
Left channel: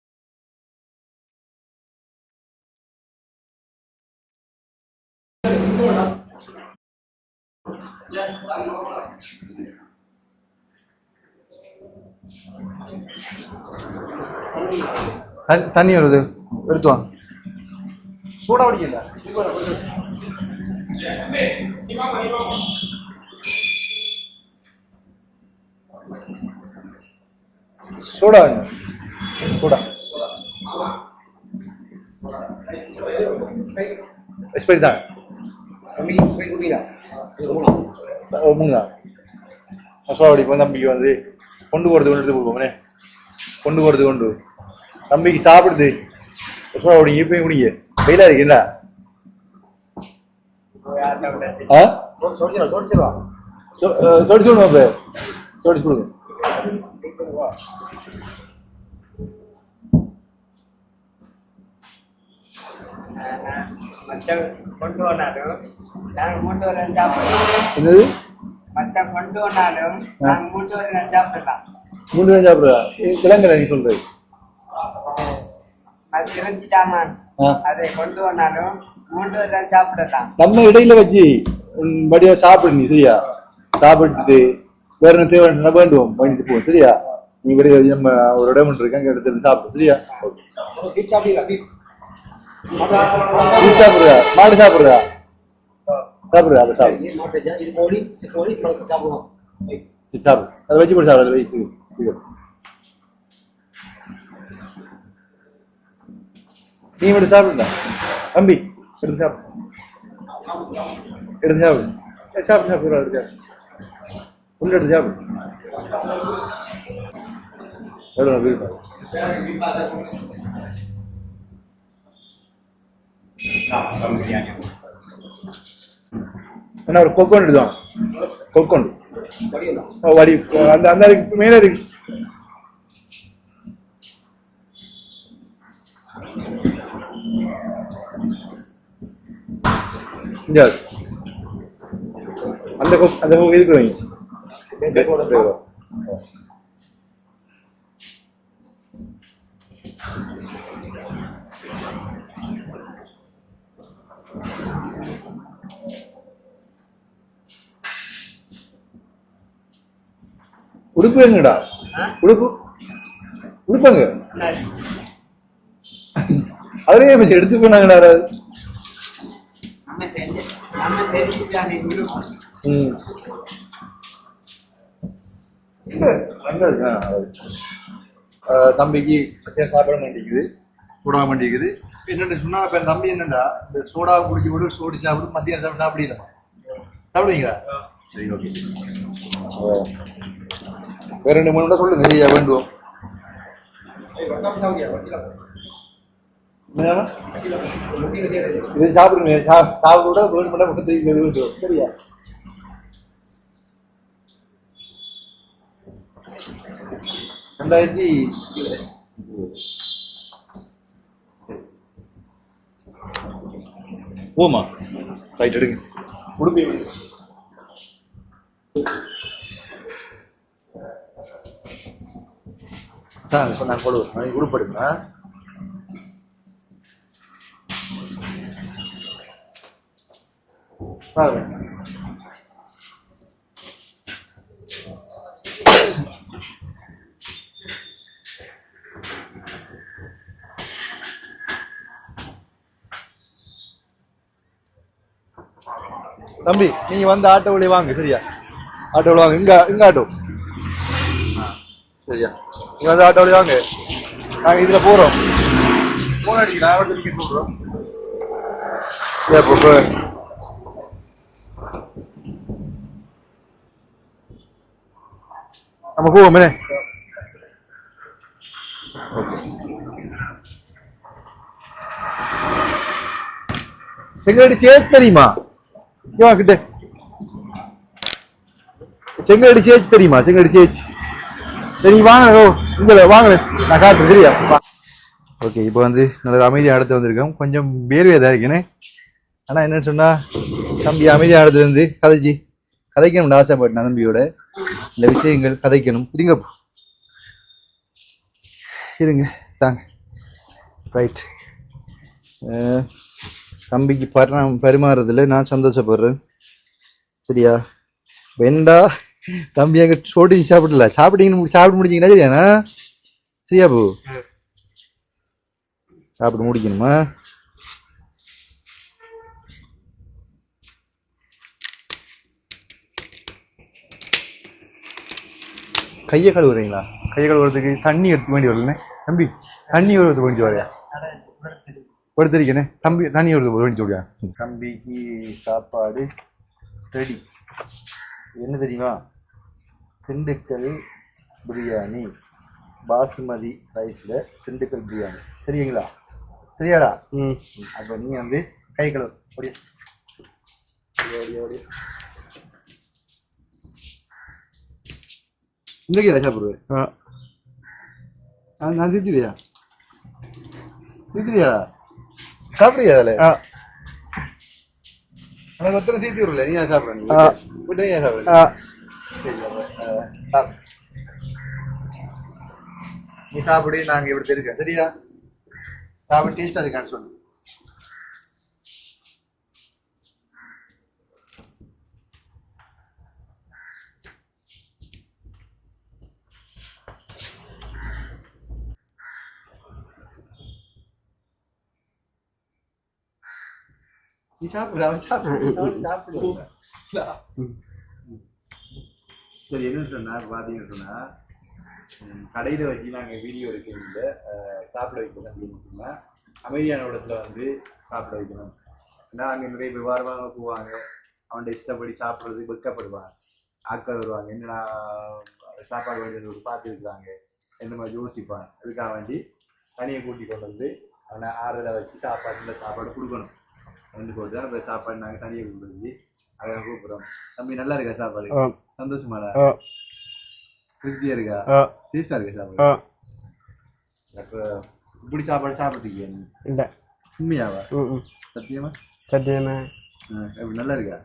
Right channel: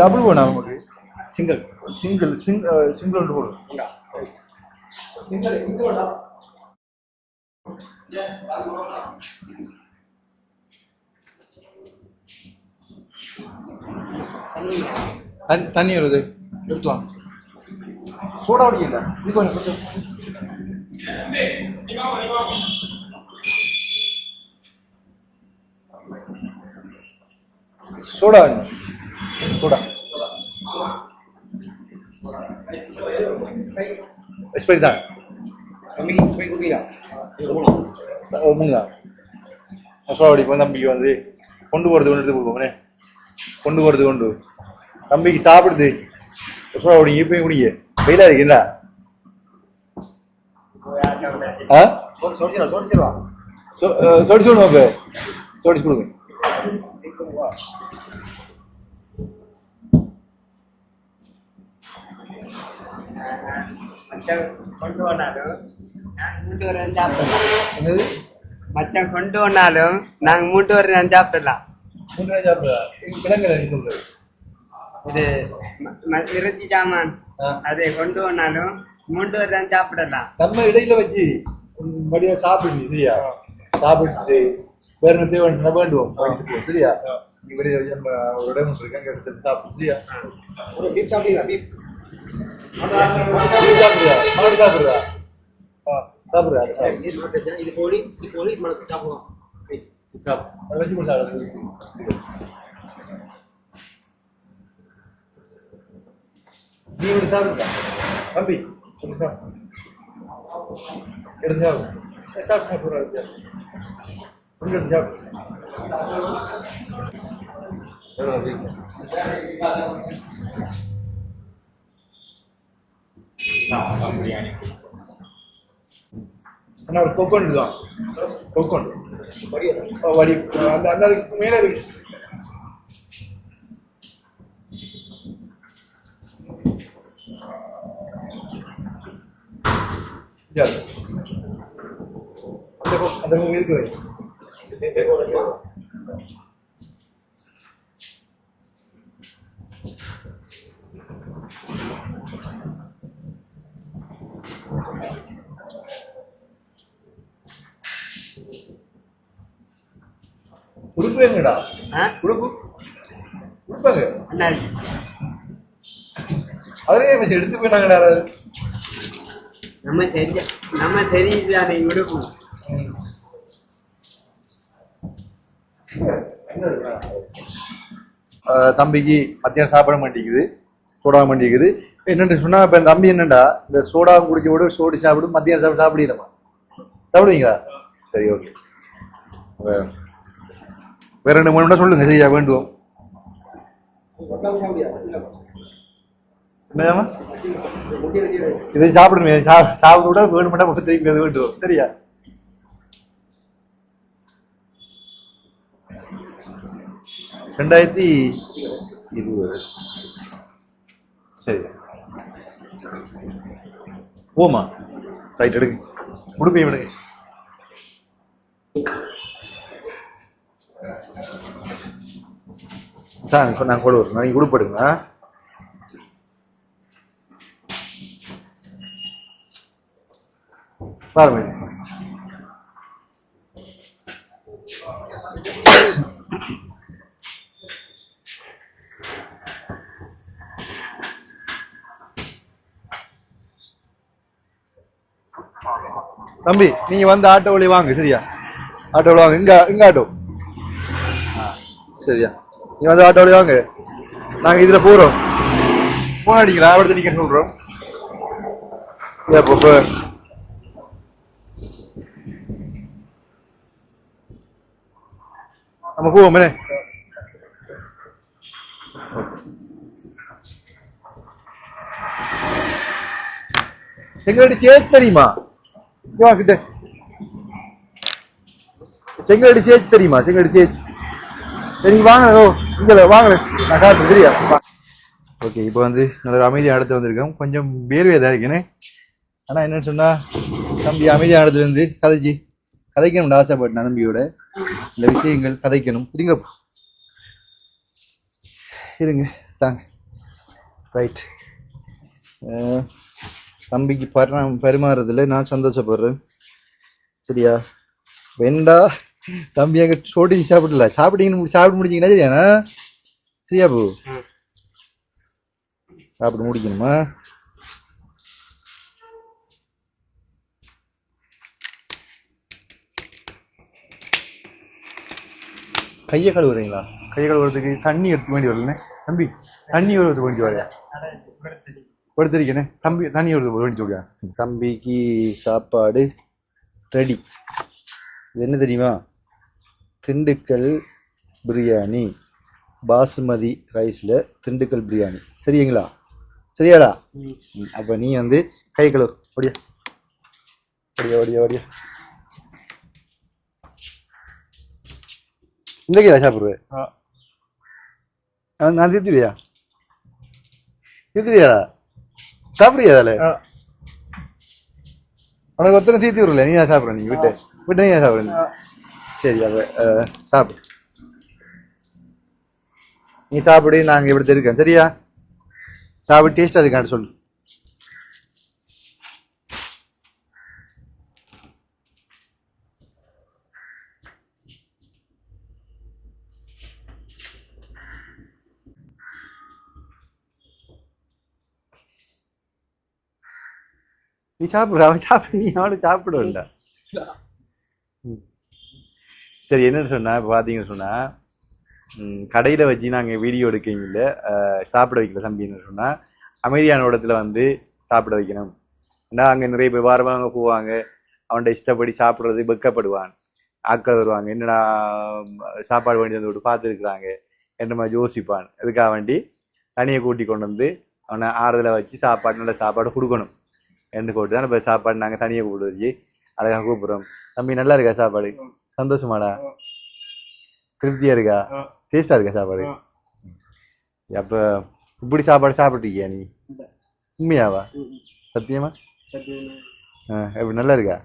டபுள் வேணா நமக்கு சிங்கிள் சிங்கிள் ஒன்று போடும் தண்ணி வருது எடுத்து வாங்க சூடா குடிக்கல இது கொஞ்சம் சூடா வேணும் சூடா எக்ஸ்பைரி தான் மூணு தான் சூடா குடிப்போம் தம்பிக்கு வந்து கொண்டு போகிறது கொண்டு எடுத்து கொடுப்போம்னே கொண்டு போகிறது கொண்டு தம்பிக்கு சாப்பிடுது சூடா குடிங்க இப்போ குடிங்க வெயிலாக இருக்குங்களா ஆ சோடிச்சு விடுவோம் இப்போ சோடிச்சு கொடுங்க கொண்டு வந்தாலும் நாங்க மூட்டு வர சாப்பிடலாம். என்னது மச்சான் கொண்டு வந்தாலும் நாங்க மூட்டு வர சாப்பிடலாம். மூணு பேரும் சாப்பிடுறா விலங்குல நீ சொல்றது இது இறைச்சி சாமான் அதை கொண்டு வந்தாலும் மூட்டு வர சாப்பிடலாம். நம்ம இடையில வச்சு படியா சாப்பிடு நீ சரியா சாப்பிட்டுட்டு வேற என்ன தேவை வேண்டுவோம் வேண்டிட்டு போவோம் சரியா நீ வெளியில வச்சு நம்ம ஒரு இடம் இருக்கு அங்க எடுத்து சாப்பிடு சரியா சாப்பிடுறா மாடு சாப்பிடுறா சாப்பிடுறா அதை சாப்பிடு இது கோழி சாப்பிடுவோம் சாப்பிடு அதை வச்சு போட்டு சாப்பிடு வைத்து நீ மட்டும் சாப்பிடுடா தம்பி எடுத்து சாப்பிடு எடுத்து சாப்பிடு சாப்பிடு சாப்பிடுறா எடுத்து ஒன்று எடுத்து சாப்பிடு என்ன ஒரு கொக்கோன் எடுத்துவான் கொக்கோன் வடி அந்த அந்த மேலே இருக்கு அந்த கொக்கு எதுக்கு வைங்க உடுப்பு எங்கடா உடுப்பு உடுப்பாங்க அதுலயே பத்தி எடுத்து போனாங்கடா நம்ம தெரியுது அதை விடுவோம். தம்பிக்கு மத்தியானம் சாப்பிட மாட்டேங்குது சோடா மாட்டேங்குது என்னன்னு சொன்னா இப்ப தம்பி என்னண்டா இந்த சோடா குடிக்க விட சோடி சாப்பிடும் மத்தியானம் சாப்பிடுமா சாப்பிடுவீங்களா சரி ஓகே வேற 2 மணி சொல்லுங்க சரியா வேண்டுவோம் இதை சாப்பிடுங்க சாப்பிட வேணும்னா திரும்பி அது வேண்டுவோம் சரியா ரெண்டாயிரத்தி 20 சரி ஓமா ரைட் எடுங்க உடுமையை விடுங்க தான் இப்போ நான் கூட ஒரு நாளைக்கு உடுப்படுங்க பாருங்க தம்பி நீங்க வந்து ஆட்டோவிலே வாங்க சரியா ஆட்டோவில் வாங்க இங்க ஆட்டோ சரியா நீங்க வந்து ஆட்டோவிலே வாங்க நாங்க இதுல போறோம் போன் அடிக்கலாம் அவர்கிட்ட நீங்க சொல்றோம் நம்ம போவோமே செங்கடி சேர்த்து தெரியுமா கிட்ட செங்கடி சேர்த்து தெரியுமா செங்கடி சேர்த்து சரி வாங்க இங்க வாங்க நான் காட்டுறேன் சரியா ஓகே இப்போ வந்து நல்ல அமைதியாக இடத்துல வந்திருக்கோம் கொஞ்சம் வேர்வையாக இருக்கேனே ஆனால் என்னன்னு சொன்னா தம்பி அமைதியாக இடத்துல இருந்து கதைக்கணும்னு ஆசைப்பட்டேன் தம்பியோட சில விஷயங்கள் கதைக்கணும் இருங்க தாங்க ரைட். தம்பிக்கு பரிமாறுறதுல நான் சந்தோஷப்படுறேன். சரியா வெண்டா தம்பி அங்கே சோட்டி சாப்பிடல சாப்பிட்டு முடிச்சிங்கன்னா சரியாண்ணா? சரியா பூ சாப்பிட்டு முடிக்கணுமா? கையை கழுவுறீங்களா? கையை கழுவுறதுக்கு தண்ணி எடுத்து வேண்டி வரலண்ணே தம்பி. தண்ணி வருவது வேண்டி வரையா படுத்திருக்கேனே தம்பி. தண்ணி வருது வேண்டி சொல்லியா? தம்பிக்கு சாப்பாடு ரெடி. என்ன தெரியுமா? திண்டுக்கல் பிரியாணி, பாசுமதி ரைஸில் திண்டுக்கல் பிரியாணி. சரிங்களா? சரியாடா? அப்போ நீ வந்து கை கழுவு. ஓடியா ஓடியா ஓடியா ஓடியா. இந்த கையில சாப்பிடுவேன். நான் தீர்த்துவியா? தீர்த்துவியாடா? சாப்பிடுவியா அதில்? உனக்கு ஒருத்தரும் தீர்த்தி விடல. நீ தான் சாப்பிட்ற. நீ விட்டு நீ சாப்பிட்ற. சரி அப்போ சாப்பிடு. நீ சாப்பிடு. நாங்கள் இப்படி இருக்கேன். சரியா? சாப்பிட்டு டேஸ்டாக இருக்கான்னு சொல்லு. நீ சாப்பிடு. அவன் சாப்பிடு. அவனு சாப்பிடுவா. சரி என்னன்னு சொன்னா இப்போ பார்த்தீங்கன்னு சொன்னால் கடையில் வச்சு நாங்கள் வீடியோ எடுக்கல, சாப்பிட வைக்கல தம்பின்னு சொன்னால் அமைதியான இடத்துல வந்து சாப்பிட வைக்கணும். ஏன்னா அங்கே நிறைய பேர் வாரமாக போவாங்க. அவன்கிட்ட இஷ்டப்படி சாப்பிட்றது வெக்கப்படுவான். ஆட்கள் வருவாங்க, என்னடா சாப்பாடு வேண்டி வந்து விட்டு பார்த்துருக்குறாங்க என்ன மாதிரி யோசிப்பான். அதுக்காக வேண்டி தனியை கூட்டி கொண்டு வந்து அவனை ஆறுதலை வச்சு சாப்பாடு நல்ல சாப்பாடு கொடுக்கணும் என்று கூட்டு தான் இப்போ சாப்பாடு நாங்கள் தனியை கூப்பிட்டு வச்சு அழகாக கூப்பிட்றோம். தம்பி நல்லா இருக்கா சாப்பாடு? சந்தோஷமாடா? திருப்தியா இருக்கா? டேஸ்டா இருக்கா சாப்பாடு? அப்போ இப்படி சாப்பாடு சாப்பிட்டுருக்கியா நீ? இல்லை. உண்மையாவா? சத்தியமா? சத்தியமா. எப்படி நல்லா இருக்கா?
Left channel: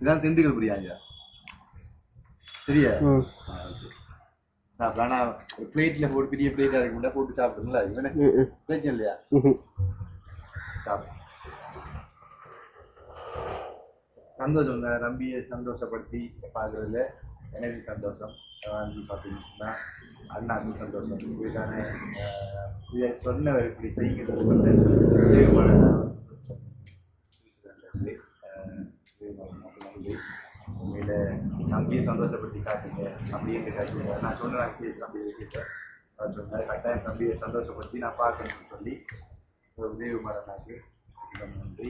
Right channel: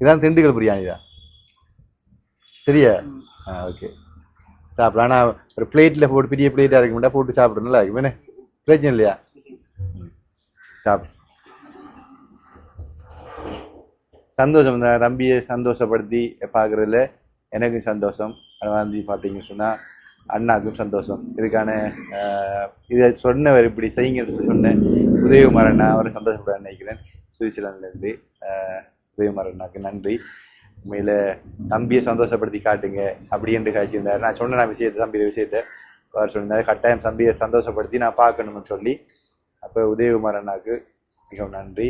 இதான் திண்டுக்கல் பிரியாணி தான். சரியா? ஓகே சாப்பிடலாம். ஆனால் ஒரு பிளேட்டில் போட்டு பெரிய பிளேட்டாக இருக்க மாட்டா போட்டு சாப்பிட நல்லா இருக்கும். என்ன பிரச்சனை இல்லையா? சாப்பிடு. சந்தோஷம் தான் தம்பியை சந்தோஷப்படுத்தி பார்க்குறதுல எனக்கும் சந்தோஷம். அது வந்து பார்த்தீங்கன்னு சொன்னால் அண்ணாக்கும் சந்தோஷம். இதுக்கான இதை சொன்னவர் இப்படி செய்யுங்கன்னு சொன்ன உதயகுமார் அண்ணா அவரை சந்தோஷப்பட நினைக்கிறேன். சுவிட்சர்லாந்துலேருந்து உதயகுமார் அண்ணாக்கு நன்றி. உண்மையில் தம்பியை சந்தோஷப்படுத்தி காட்டுங்க அப்படின்னு காய்ச்சிருந்தார். நான் சொன்ன விஷயத்தை தம்பிய விஷயத்தை அவர் சொல்லியிருந்தார். கட்டாயம் தம்பியை சந்தோஷப்படுத்தி நான் பார்க்கணும்னு சொல்லி அப்போ உதயகுமார் அண்ணாக்கு மிகவும் நன்றி.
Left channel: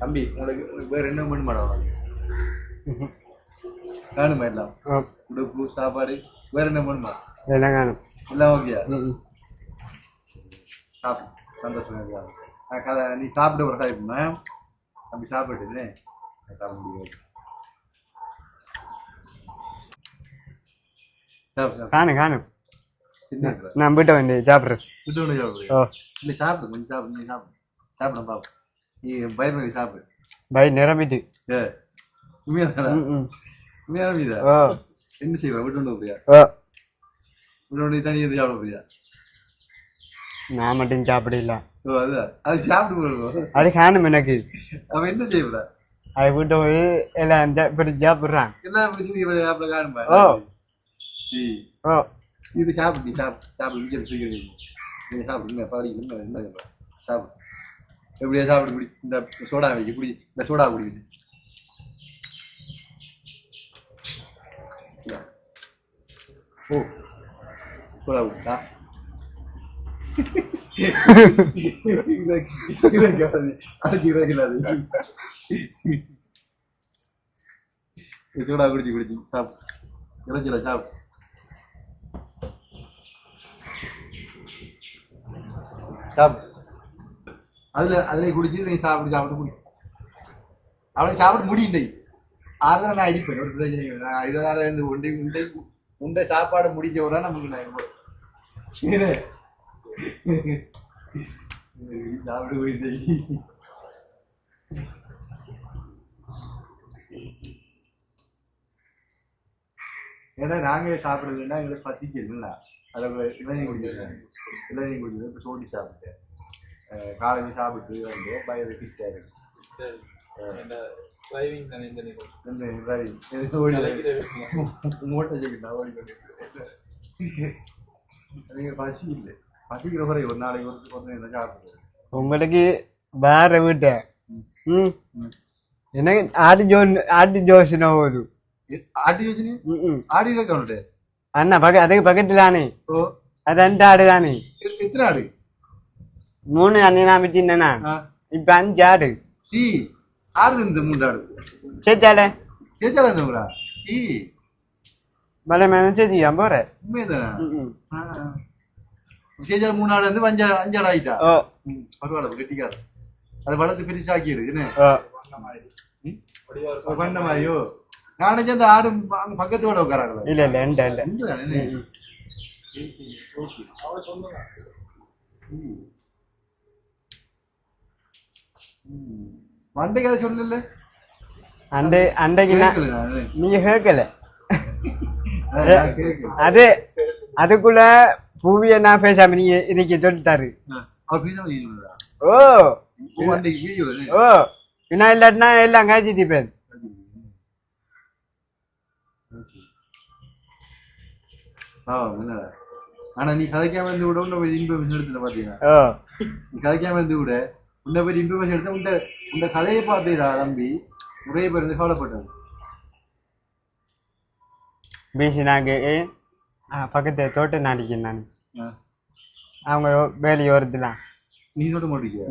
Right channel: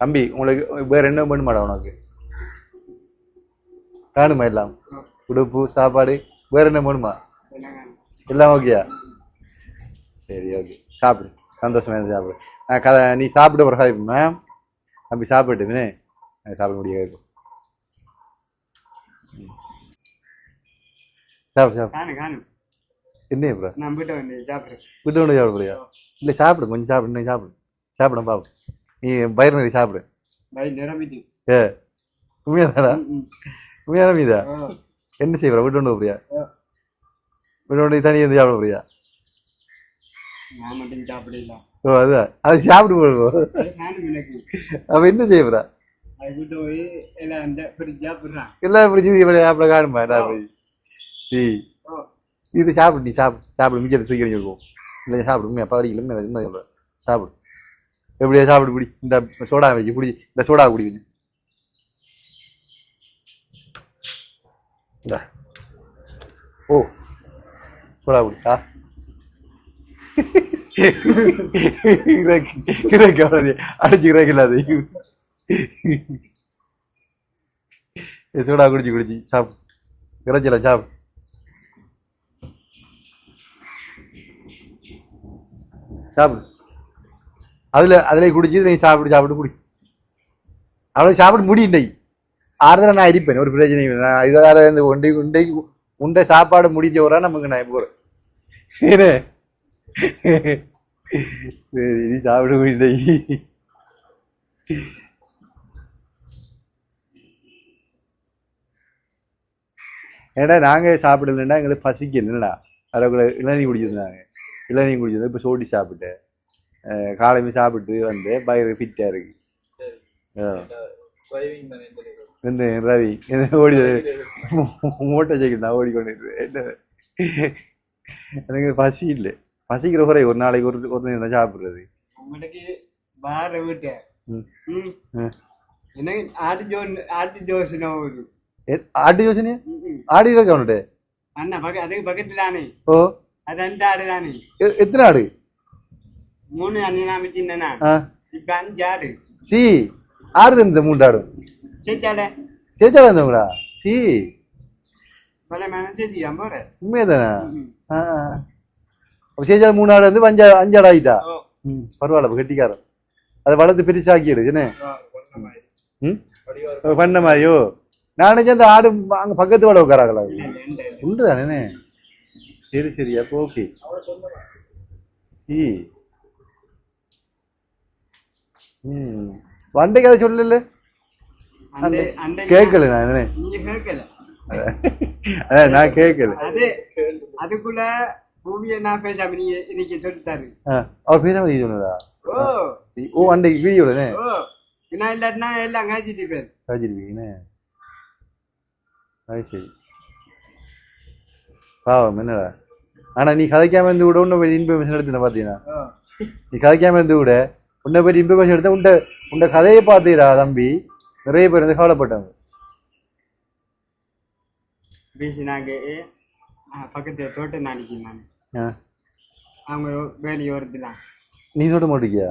தம்பி உங்களுக்கு வேறு என்ன பண்ணுமாடா உனக்கு? காணுமா எல்லாம்? உடுப்பு சாப்பாடு வேறு என்ன பண்ணுமா? எல்லாம் காணும். எல்லாம் ஓகேயா? சரி ஓகே சாப்பிடு. சந்தோஷமா சாப்பிடு. நான் நீ சாப்பிட ஒரு கதை தம்பி சாப்பிட்டுன்னு சாப்பிட முடியாது. சாப்பிடு சாப்பிடு. காணும் காணும். என்ன ப்ரோ? நான் வீட்டை வேண்டி சாப்பிட்றேன். வீட்டை வேண்டி சாப்பிடுறியா? இல்லை சாப்பிடு கொஞ்சம் சாப்பிடு. சாப்பிடு சாப்பிட பாப்பா. நீ பயிர் நிறைய சாப்பிடு. பயிர் நிரம்பிட்டு. உண்மையாதாடா? உண்மையா நிரம்பிதா? என்ன செய்வா? வீட்டு கொண்டு போறியா? வீட்டு கொண்டு தனி வந்து சாப்பிட போறியா? நான் மட்டும் சாப்பிடல. ஓ அதுதான் அது சாப்பிட்டு போடுவோம். அது காணும் எனக்கு. அப்ப என்ன செய்வா? அதை வீட்டை போய் எல்லாம் சாப்பிட்றான். எல்லாம் பிடிச்சி சாப்பிட காணுமா? இது சாப்பிடு. நீ சாப்பிடு மிச்சத்தை சீக்கிரம் சொல்லுவோம். இல்லை சாப்பிடு. உண்மையா படிக்கல என்ன சொல்ற? சாப்பிடு. எப்படியா சாப்பிடு. பிடி இந்த சோடா வைக்க குடி. இந்த சோடா குடிக்கணும். ஓ சோடா குடிக்கா? அடிச்சுக்கிறாது. சோடா குடிச்சு சாப்பிடு. இறைச்சல சாப்பிடு. சாப்பிடு. அதுல குடிச்சு நீ சாப்பிட்டு குடி. அவ்வளோ சாப்பிட முடியும். ஆறுதல் நான் இருப்பேன். ஒரு பிரச்சனை நான் இதால இருந்து உண்டை சாப்பாடு முடிஞ்ச வரா நமக்கு நான் இப்போ சரி நீ சாப்பிட முடியும். ஏடா நாங்கள் சாப்பிடலன்னா எங்களுக்கு பசிக்கலடா. அதுக்குள்ள இளநீ குடிச்சிருந்தாங்க. இளநீ குடிச்சது இப்போ சோடி சாப்பிட்டேன். காலையில் சாப்பிட்டு வந்து பயங்கர ஃபிட்டாக இருக்கு. இந்த ரவி ஓடி மூட்டை சைக்கிள் நான் ஓடிக்கொண்டு என்ன எனக்கு பசி இல்லை. பசிக்கிற குறை ஒரு நாளைக்கு ஒரு நேரம் தான் சாப்பிட்றது. உங்களுக்கு வேற வீட்டை எனக்கு ஆட்டு ஜோசனை ஒரு ஆட்டு யோசனை ஆடு இருக்கா அவன்கிட்ட? அண்ணா அதுக்கு பக்கத்துல தானே. ஓ அது 2 ஆடு தானே. எத்தனை ஆடு? 3 அண்ணனா வச்சிருந்தேனா இப்ப 5 ஆடு. சி ஆடு இந்த 3 ஆடு சேச்சாட சேச்சாடா இருந்தவங்களா? சி மலை மேலே சேச்சியா போற உண்மையதானே? சேச்சாடு 3 ஆடு வந்து 5 ஆடு ஆகிட்டா. பரவாயில்ல கெட்டிக்காரன். அதை வளர்த்து பெருசாக்கிடு என்ன பண்ண மாதிரியோ. நானே அந்த ஆடு அங்க பக்கத்து வாட உட்காராங்களா? இல்ல உண்டு தானே. சரி சரி அப்போ ஓகே. சி வண்டைக்கு அதை சொல்லல. அந்த கேட்கல நானே. நீங்க கேட்கல. நான் கேட்கல. அதுக்குள்ள பூவிய நான் பேசாம நீங்க இன்னைக்கு சொல்லிட்டாரு. அவர் பேசாம நீ சொன்னதா? ஓ ஓ அன்றைக்கு வீடியோல. ஓ என்ன இல்லாட்டினா எல்லாம் காய்ச்சிருப்பேன். காய்ச்சிருப்பீங்கன்னு. அது சரி பாவம் என்னடா. ஆனா நீ கதைக்காம இருந்து கூட உன்னை போய் இன்ஃபர்மேஷன் எடுத்துன பாத்தீங்கன்னா. நீ கதைக்காம இருந்து கூட உன்னை போய் இன்ஃபர்மேஷன் எடுத்த உண்ட கதையை பார்த்தீரா தம்பி. நிறைய பேர் வந்து கவலைப்பட்டாங்க. பேசினாங்க பக்கத்து தோட்டம் நாடிக்கேன் நான். அவங்க வேலையை வருதுலாம். நீ சொல்ல மாட்டேங்கியா?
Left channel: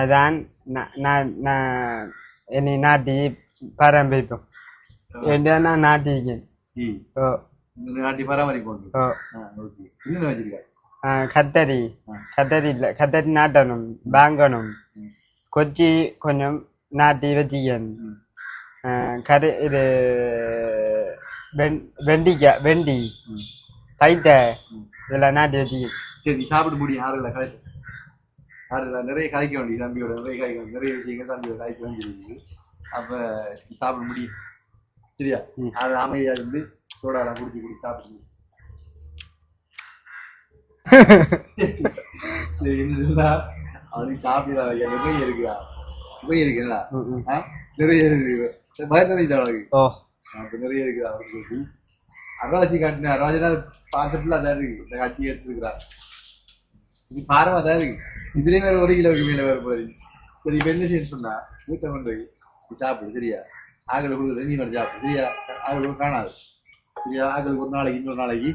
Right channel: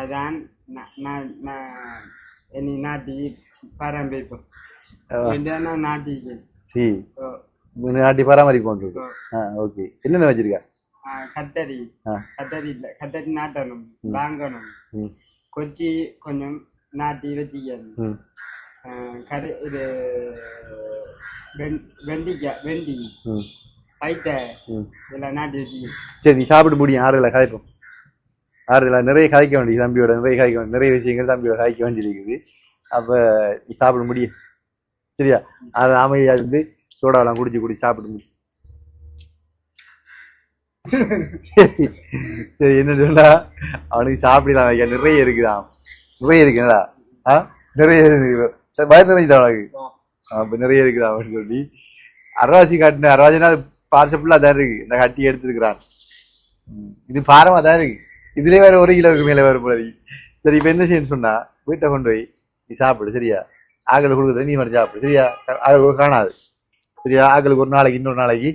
அதான் என்னை நாட்டி பராமரிப்போம். நான் நாட்டிக்கேன். சரி நாட்டி பராமரிப்போம். ஓகே என்னென்ன வச்சிருக்க? கத்தரி இல்ல கத்தரி நாட்டணும் வாங்கணும். கொச்சி கொஞ்சம் நாட்டி வச்சுக்கணும். கரு இது வெண்டி கைத்த இதெல்லாம் நாட்டி வச்சுக்கணும். சரி நீ சாப்பிட்டு முடியும். ஆறுதலா கதைப்போம். ஆறுதலா நிறைய கதைக்க வேண்டியது தம்பியோட. நிறைய விஷயங்கள் தம்பியோட கதைக்க வேண்டியிருக்குது. அப்ப நீ சாப்பிட முடியும் சரியா? அது அமைதியா இருந்து சோடாவெல்லாம் குடிச்சு சாப்பிட முடியும். சரி என்ன சொன்னா அவனுக்கு சாப்பிடலாம் வைக்க நிறைய இருக்குதான். நிறைய இருக்குதா? நிறைய இருக்கு. வயிறு நிறைய அவனுக்கு. அப்ப நிறைய இருக்குதான் அவன் சொல்லி அரவாசி காட்டின அரவாசினா அது பார்சப்பிள்ளா தான் இருக்கு. இந்த கட்டி எடுத்துருக்கிறான். இது பாரமா தான் இருக்கு. இதுலயே வேற 1 கிலோவுக்கு மேல வேற போல. சரி இப்ப என்ன செய்யணும்னு சொன்னா வீட்டை கொண்டு போய் நீ சாப்பிடு சரியா? ஆக்களை கொடுக்குறது நீ மட்டும் சாப்பிடு சரியா? ஆக்களுக்கு காணாது சரியா? ஆக்களுக்கு ஒரு நாளைக்கு இன்னொரு நாளைக்கு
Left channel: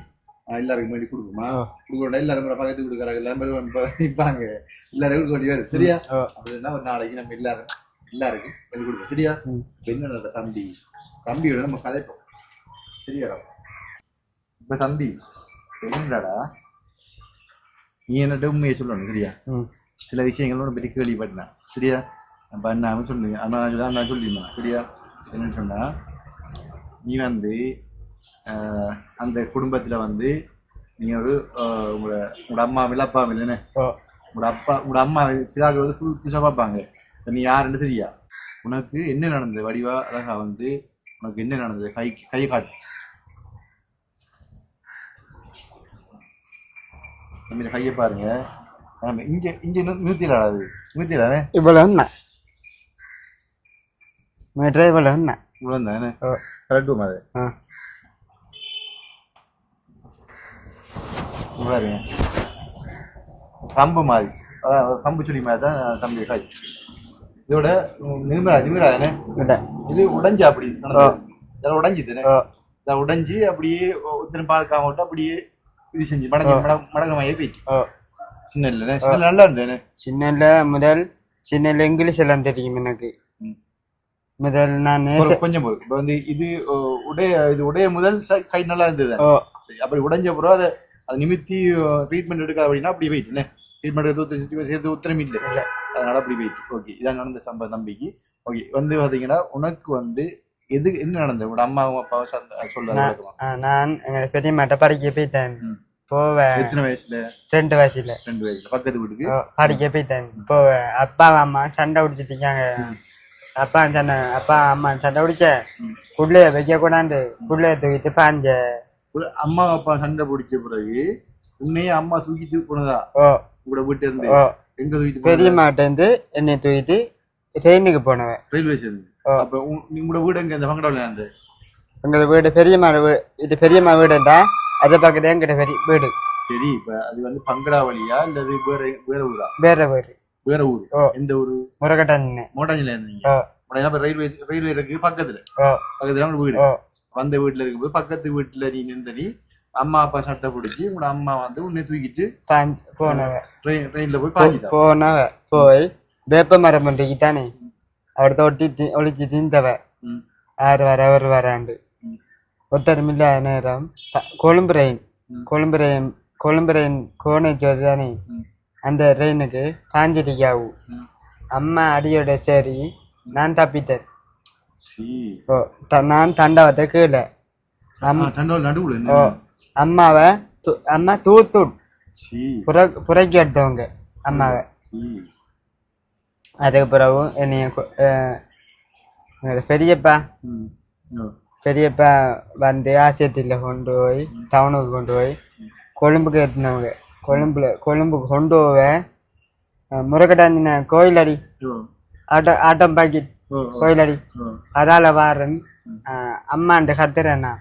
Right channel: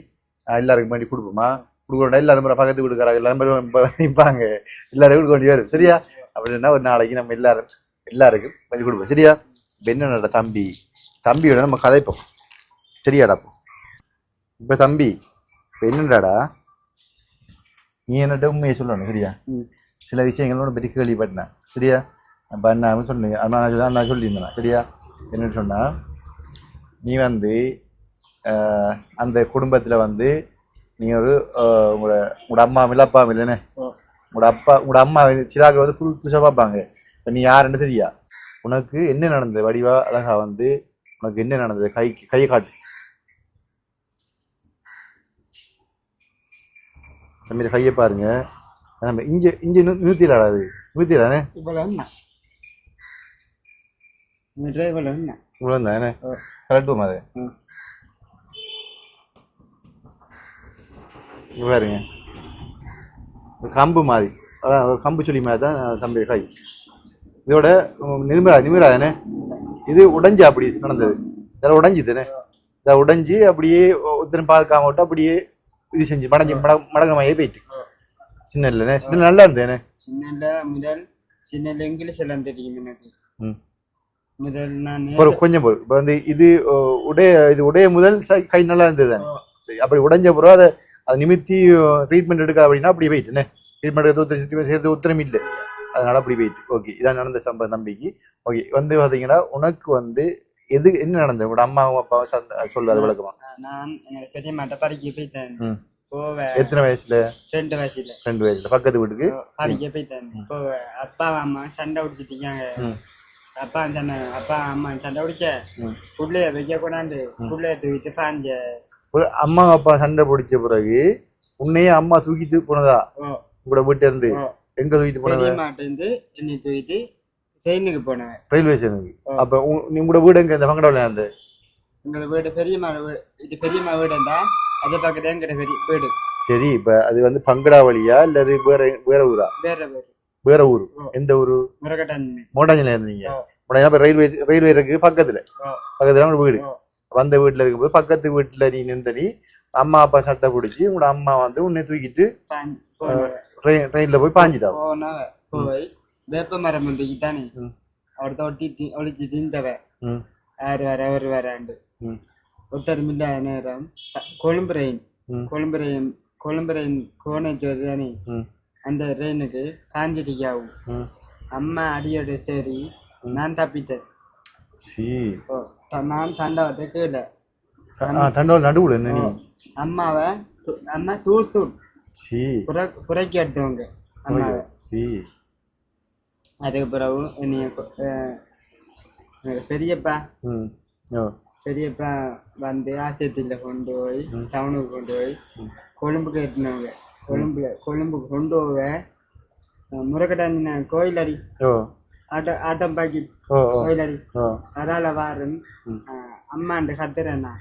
எல்லாருக்கும் வேண்டி கொடுப்போமா? கொடுக்கணும். எல்லாரும் பக்கத்து கொடுக்குறாங்க. எல்லாரும் நிற்பாங்க. எல்லாரும் கொடுக்க வேண்டி வரும் சரியா? அப்படின்னா ஒரு நாளைக்கு நம்ம எல்லாருக்கும் வேண்டி கொடுப்போம் சரியா? இப்ப என்னடா தம்பியோட நம்ம கதைப்போம் சரியாடா? இப்ப தம்பி என்னடாடா நீ என்னட்ட உண்மையை சொல்லணும் சரியா? சில விஷயங்களோட பெரிய கேள்விப்பட்டேன் சரியா? அப்ப அண்ணாவும் சொன்னீங்க. நான் சொல்லியிருந்தேன் சரியா? என்னன்னு சொன்னா நீ வந்து அந்த குடும்பத்துல வந்து நீங்க ஒரு உங்களோட அம்மா அப்பா இல்லைன்னு உங்களோட அம்மா சிலாக்கள் வந்து புதுசாக பார்ப்பாங்க. நீ யாருன்னு தெரியா? உனக்கு என்ன நடந்தது வடிவா அழகா வந்து உனக்கு என்ன நடந்தது கையை காட்டு. தம்பி கையை பாருங்க. நம்ம இங்க நிறுத்திடா. அது நிறுத்திடானே இவ்வளவு இவ்வளவு தானே கரெக்டும் அது. பாருங்க கம்பு மாதிரி கம்பு சொல்லி மாதிரி தான் தம்பி கை. இதோட நிமிரா தானே இது உடைஞ்சு அப்படி இதெல்லாம் உடைஞ்சி தானே. இதை உடைஞ்சி அப்படியே ஒருத்தரும் பார்க்காம விட்டு அப்படியே இது செஞ்சு மடங்கமையே போயிட்டு. சின்ன இல்லைண்ணே சின்ன நல்லா இருந்தேனே. சின்னல இங்கிலீஷ் எல்லாம் தெரியும் எனக்கு. முதல் நான் கொஞ்சம் போதும். இப்போ வந்து இது உடைய முதல் கை நல்லா இருந்தது. அப்படி உடைஞ்ச பிறகு அதை நிமித்தி ட்ரீட்மெண்ட் எடுக்க அப்படின்னா அப்படி போயிட்டுண்ணே. ட்ரீட்மெண்ட் எடுத்து சேர்த்து உத்தரவு இல்லை. அதனால அப்படி போயிட்டு. ஓகே இதான் நடந்த சம்பவம் தம்பிக்கு. ஓகே வந்து பார்த்தீங்கன்னா உனக்கு வந்து என்ன நடந்தது? உங்களோட அம்மாவும் அப்பாவும் சொல்ல. நான் எங்க பெரியமாட்ட படிக்க போயிட்டேன். போவேன். எத்தனை வயசுல? 2 வயசுல. 2 வயசுல பக்கத்து வீட்டுக்கு படிக்க போயிட்டேன். போவேன். அப்பா அம்மா சண்டை பிடிச்சிருக்காங்க. அப்பா அம்மா சண்டை பிடிச்ச புள்ளைய வைக்க கூடாது. புள்ளைய தூக்கிட்டு பாஞ்ச ஒரு அம்மா அப்பா சண்டை பிடிச்ச பிறகு உன்னையே அம்மா தூக்கிட்டு போனதா உங்களோட வீட்டுல இருந்து எங்க தூக்கிட்டு பெரிய போனதா? மாட்டேந்து என்னை தூக்கிட்டு ட்ரெயினுக்கு போனவன். ரயில்வே ஸ்டேஷனுக்கு. அப்ப உங்களோட வீடு எங்க இந்த பங்கடவுல அந்த எங்களோட வீடு பெரியம்மா வீடு. இது பெரியம்மா வீடுண்டா அதை பக்கத்துல எங்கிட்ட பெரிய வீடு. சரி, இப்ப அது வந்து பங்கடா வழியா இல்ல அது வேற வேற ஊரா? வேற வீடு. வேற ஊரு. எந்த ஊரு? முருகட்டாஞ்சின. மோட்டாஞ்சில இருந்தீங்க. ரயில்வே இருக்கு பக்கத்துல ஒரு வீடு. வந்த வீட்டுல இருக்கும்போது பக்கத்து வீட்டுல நீ நின்றி அம்மா அப்பா சட்டை பிடிச்சி உங்களோட அம்மா வந்து உன்னை தூக்கிட்டு ட்ரெயின்ல போய் பாஞ்சிட்டா போனவ. போய் வேப்ப மரம் பண்டிகை தானே அவர் தொட்டி ஒழிச்சு திந்தவ. யார் வர அவர் வராண்டு ஒருத்தரும் இல்லாத நேரம் கொழும்பு ரெயின் கோணைக்கு தானே அந்த ரெயினுக்கு பாஞ்சிட்டிக்காவும் அம்மா அடியோட சரி நான் தப்பிட்டேன். நான் தண்டவத்தை கீழே அம்மாவை அம்மா தூள் புறக்கி எடுத்தவங்க அம்மாவை. அதுக்கு பிறகு என்னைய பெரியப்பா வந்து ஆசியத்தில் கொண்டு போய் டவுனுக்கு கொண்டு போய் கொழும்புக்கு எடுத்துனவங்க. கொழும்புக்கு கொண்டு போவ முருகட்டாஞ்சின கோயிலடி ஆட்டம் பாக்கெட் கோயிலடி அதால வாரன் அம்மாண்ட கத்துறேன்னா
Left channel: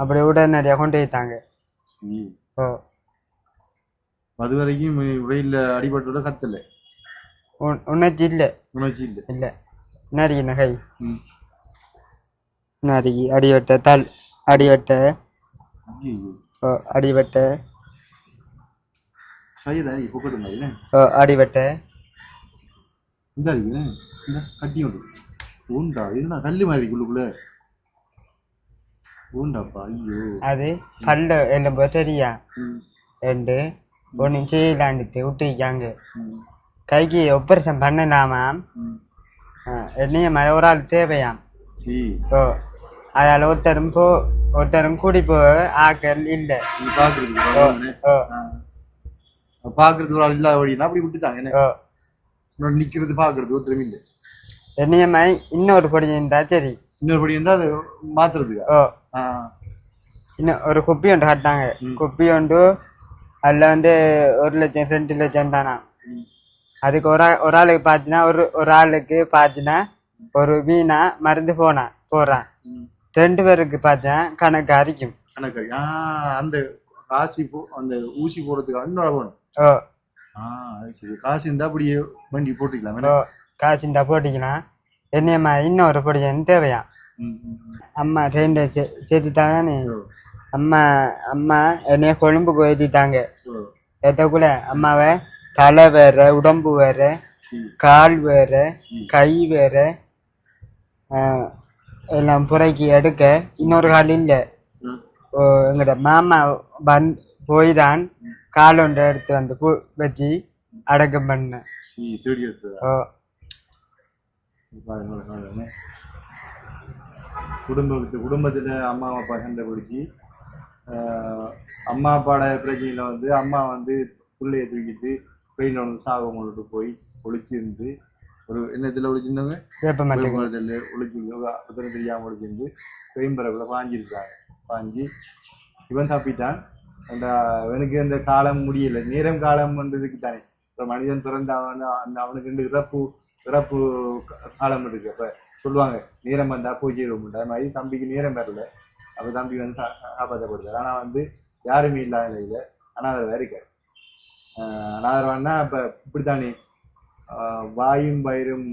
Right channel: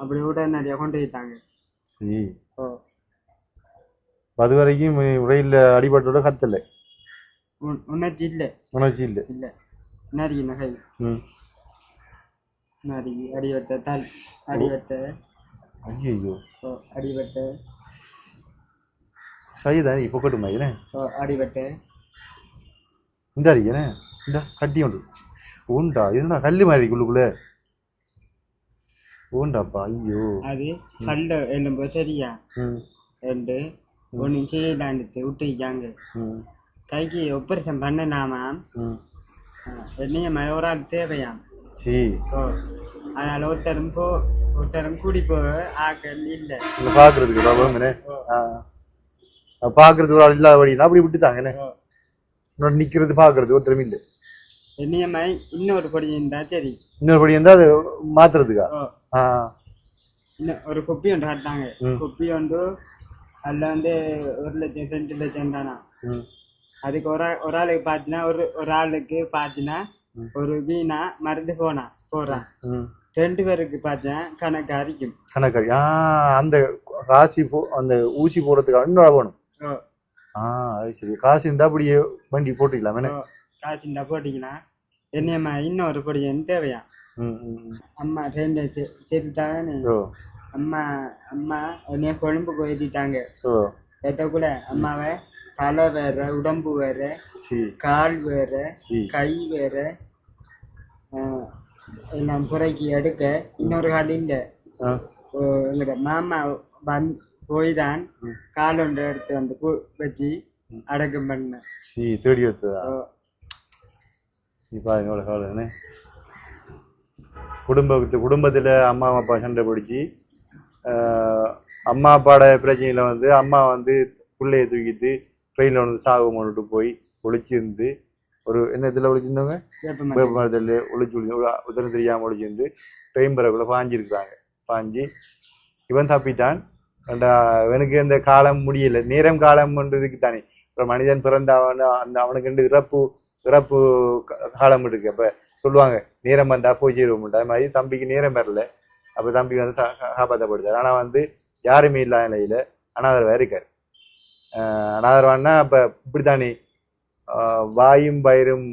அப்படி உடனடியா கொண்டு போயிட்டாங்க. அது வரைக்கும் ரயில்ல அடிபட்டோட கத்தல உணர்ச்சி இல்ல நரி நகை நரி அடிவட்ட தால் அடிவட்ட சரிதான். இப்போ கட்டுமா அடிவட்ட இந்த அடிக்கணே இந்த கட்டி உண்டு உண்டா இதுனா கல்லு மாதிரி உள்ளுக்குள்ள உண்டாப்பா. ஐயோ அது பல்ல எலும்பு சரியா ரெண்டு ஒன்று செய்யலாண்டுட்டு விட்டுக்காங்க. கைக்கு ஆப்ரேஷன் பண்ணலாமா என்னைய மாதிரி ஒரு ஆள் தேவையாம். அதால ஒருத்தரும் கூடி போ ஆக்கள் இல்லை பாக்குறதுக்கு ஒரு ஆள் இல்லாதபடினா அப்படி விட்டுத்தாங்க. நிக்கிறது பாக்குறது ஒருத்தரும் இல்லை. என்னைய மாதிரி இன்னொரு படி இருந்தா சரி. இன்னொரு படி இருந்தா அது மாத்துறதுக்கா? இன்னும் ஒரு குப்பி ஒன்று கட்டாங்க. குப்பி ஒன்று அதில் வந்து 1 லட்சம் 2 லட்சம் தானா. அதுக்கு ஒரு ஆளுக்கு பார்த்தீங்கன்னா ஒரு ஆளுக்கு பார்த்தீங்கன்னா ஒரு வீணா மருந்து போறான் 2 பேருக்கு பார்த்தீங்கன்னா கணக்கு அரிக்கும். அந்த காசி அந்த ஊசி போடுறதுக்கு இன்னொரு போகணும். அது சரி. காசு இருந்தா அப்படியே வண்டி போட்டுக்கலாம். காசு இருந்தா போட்டிக்கலாம். என்னையம்மா இன்னொரு பொடியன்னு தேவையா. அம்மா ட்ரெயின்ல சேர்த்துட்டாங்கன்னு அம்மா என்னைய கொழும்புக்கு ஏற்றிட்டாங்க. ஏற்றக்குள்ள அம்மாவை தலை வேற உடம்பு வேற கால் வேற கை வேற எல்லாம் புறக்கி எடுக்க இன்னொரு கால் இல்லை. எங்களோட மாமா போய் தான் கால் ஒன்று எடுத்து வந்து வச்சு அடக்கம் பண்ண தேடி எடுத்ததா? குடும்பத்துல அம்மா அப்பா சண்டை பிடிச்சி அம்மா அப்பாவோட பிரச்சனையில வந்து அம்மா வந்து பிள்ளைய தூக்கிட்டு ட்ரெயினில் வந்து சாகு கொண்டுட்டு போய் ஒழிச்சிருந்து ஒரு என்னத்துல ஒழிச்சிருந்தவங்க வேப்பமரத்தில் ஒழிச்சு உதரம் தெரியாமல் ஒழிச்சிருந்து ட்ரெயின் பரப்புல பாஞ்சிருக்கிறாங்க. பாஞ்சி இவன் தப்பிட்டான். இவனுக்கு இந்த காலம் முடியல. நேரம் காலம் கொண்டதுக்கு தானே இப்போ மனிதன் பிறந்த அவனுக்கு இறப்பு காலம் இருக்கு. அப்ப சொல்லுவாங்க நேரம் வந்தா போய் சேருவோம். அது மாதிரி தம்பிக்கு நேரம் வரல. அப்ப தம்பி வந்து காப்பாற்றப்படுத்தார். ஆனா வந்து யாருமே இல்லாத நிலையில அனாதரவா இருக்காரு. அனாதரவான்னா அப்ப இப்படித்தானே வாயும் பயிரும்